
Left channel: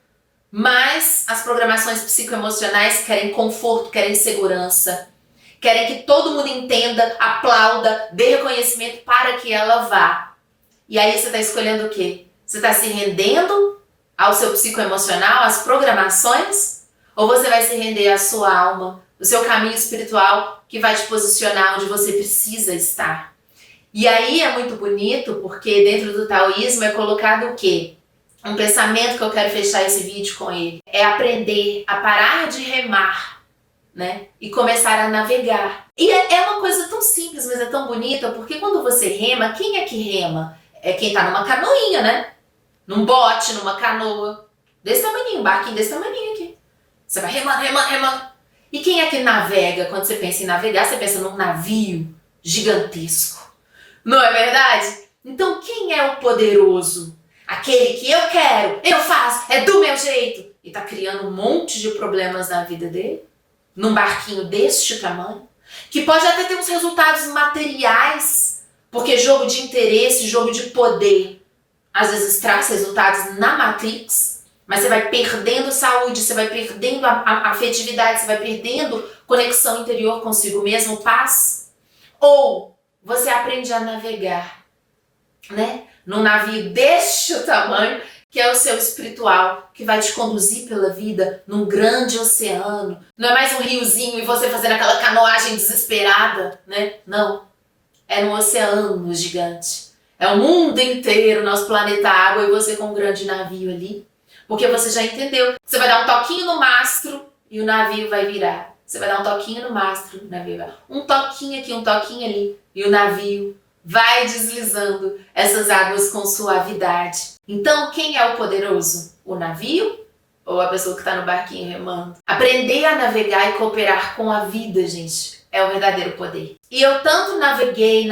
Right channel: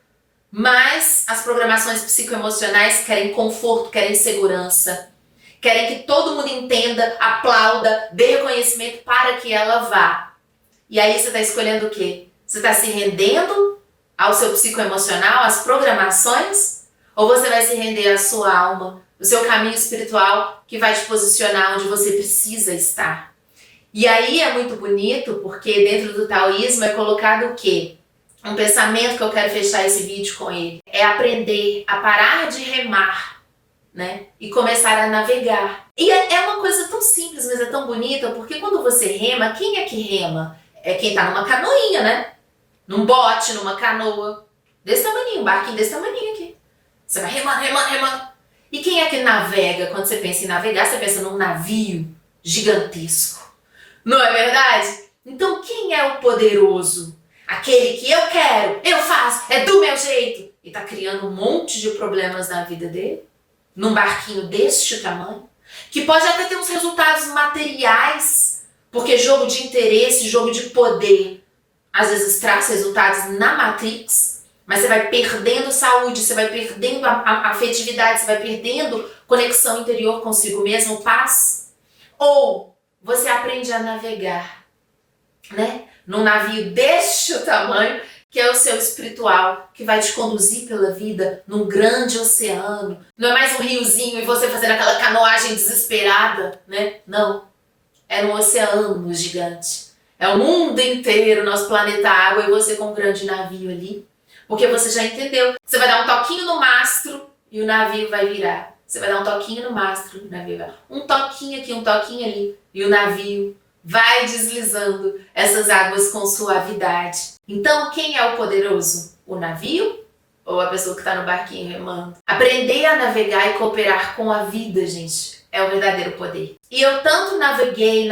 mas as programações psicoemocionais querem conforto, querem segurança, querem que todo mundo entenda, aplauda, dê reconhecimento para que ela vá. E aí você está escolhendo o quê? Você está se rendendo ao seu psicoemocional, às programações? Ou você vai se render à sua alma, o seu caminho espiritual que vai te posicionar onde você precisa estar? E aí é muito bonito porque dentro do taoísmo é colocado o quê? Um pensamento que eu quero fechar esse vídeo com ele. É aprender a parar de remar, né? E começar a navegar. E é uma coisa tão simples, mas é tão bonita, porque quando você rema, quem é que rema? É quem tá numa canoinha, né? Num bote, numa canoa. Desse tamaninho, um barquinho desse tamaninho aqui. Você vai remando. E quem é que navega? Quando você pensa em navegar, você pensa num navio gigantesco. Não é verdade? Então quem é o poderoso? Aquele que eu quero, eu faço, é do meu jeito. E tá criando um monte de problemas na vida dele. Num barquinho deste tamanho. Que pode até ter uns resultados materiais. Porque jogo de interesse, jogo de poder, às vezes traz resultados na Matrix. Mas você vai perdendo saúde, você vai perdendo a afetividade, você vai perdendo conexão interior consigo mesmo, paz. Ou você aprende a navegar, né? Num navio deste tamanho, que é o seu espiritual, que vai te conduzir pela vida num grande oceano. Não é mais um riozinho e você fazendo aquela canoagem desesperada, né? Não. É um oceano gigante. É o mundo inteiro, nosso planeta água, e você com um grande navio ali. Porque você já entendeu. Você vai dar um toquinho no mastro e o navio vai virar. Você vai dar um toquinho no mastro e o navio vai virar. Um toquinho aqui, um toquinho ali, e o navio vai deslizando essas águas com suavidade. Então, quem é o poderoso? O navio ou a pessoa que está no barquinho remando? Aprender a navegar e cooperar com a vida, gente, é o verdadeiro poder. E eu tanto naveguei,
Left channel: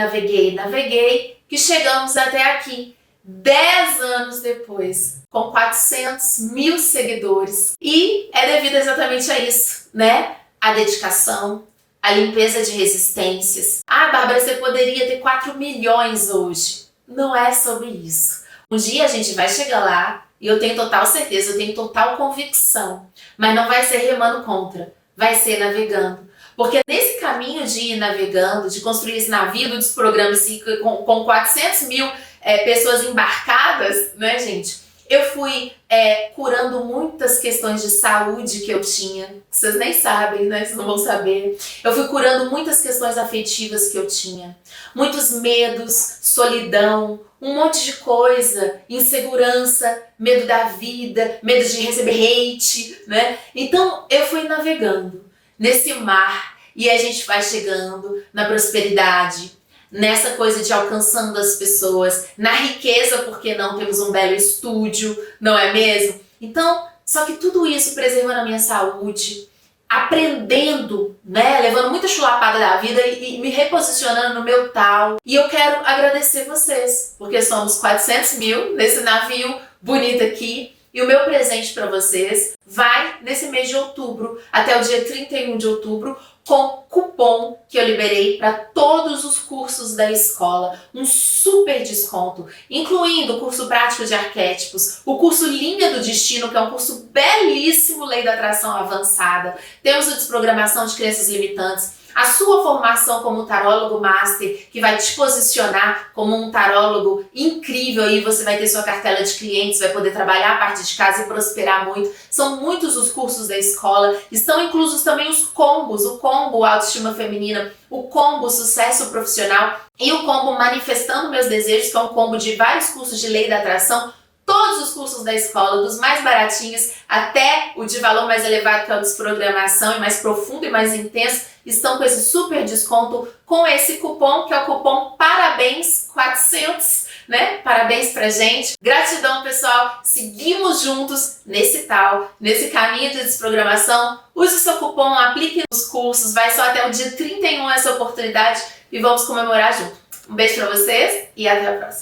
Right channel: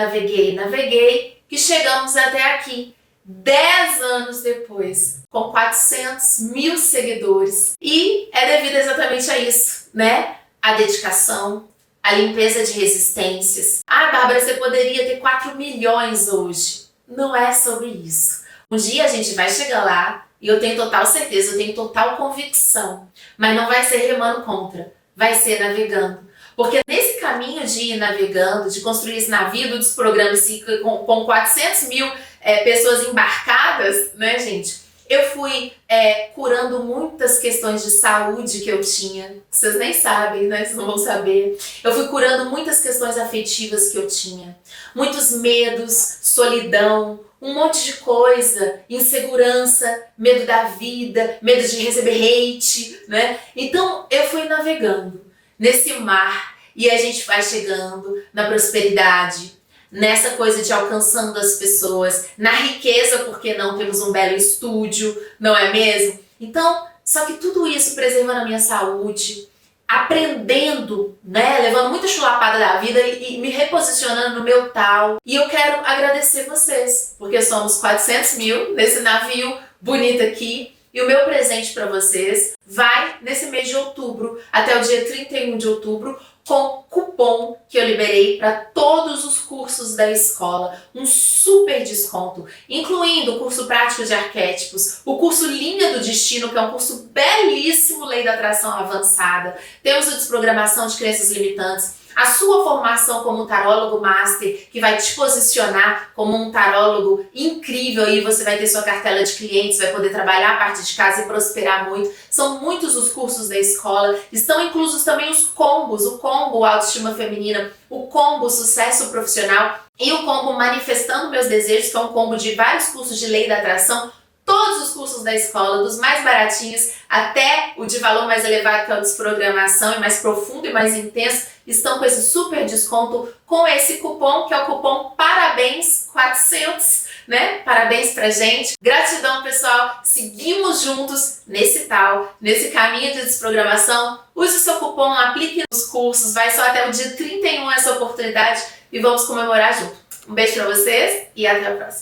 que chegamos até aqui, 10 anos depois, com 400 mil seguidores. E é devido exatamente a isso, né? A dedicação, a limpeza de resistências. Ah, Bárbara, você poderia ter 4 milhões hoje. Não é sobre isso. Um dia a gente vai chegar lá e eu tenho total certeza, eu tenho total convicção. Mas não vai ser remando contra, vai ser navegando. Porque nesse caminho de ir navegando, de construir esse navio do Desprograma com 400 mil pessoas embarcadas, né, gente? Eu fui curando muitas questões de saúde que eu tinha. Vocês nem sabem, né? Vocês não vão saber. Eu fui curando muitas questões afetivas que eu tinha. Muitos medos, solidão, um monte de coisa, insegurança, medo da vida, medo de receber hate, né? Então eu fui navegando nesse mar e a gente vai chegando na prosperidade, nessa coisa de alcançando as pessoas, na riqueza, porque não temos um belo estúdio, não é mesmo? Então, só que tudo isso preservando a minha saúde, aprendendo, né, levando muita chulapada da vida e me reposicionando no meu tal. E eu quero agradecer vocês, porque somos 400 mil nesse navio bonito aqui. E o meu presente para vocês vai nesse mês de outubro, até o dia 31 de outubro, com cupom que eu liberei para todos os cursos da escola, um super desconto, incluindo o curso prático de arquétipos, o curso Linha do Destino, que é um curso belíssimo, Lei da Atração Avançada, temos a desprogramação de crenças limitantes, a sua formação como um tarólogo master, que vai te posicionar como um tarólogo incrível, e você vai ter sua cartela de clientes, vai poder trabalhar a parte de casa e prosperar muito. São muitos os cursos da escola, estão inclusos também os combos, o combo Autoestima Feminina, o combo Sucesso Profissional e o combo Manifestando Meus Desejos, que é um combo de vários cursos de Lei da Atração. Todos os cursos da escola, dos mais baratinhos até o de valor mais elevado, que é o desprogramação, e mais profundo e mais intenso, estão com esse super desconto, com esse cupom, que é o cupom Parabéns 400, né? Parabéns pra gente. Gratidão, pessoal. Seguimos juntos nesse caminho de desprogramação. Use o seu cupom, aplique nos cursos, vai só até o dia 31 essa oportunidade e vamos comemorar junto. Um beijo pra vocês e até a próxima.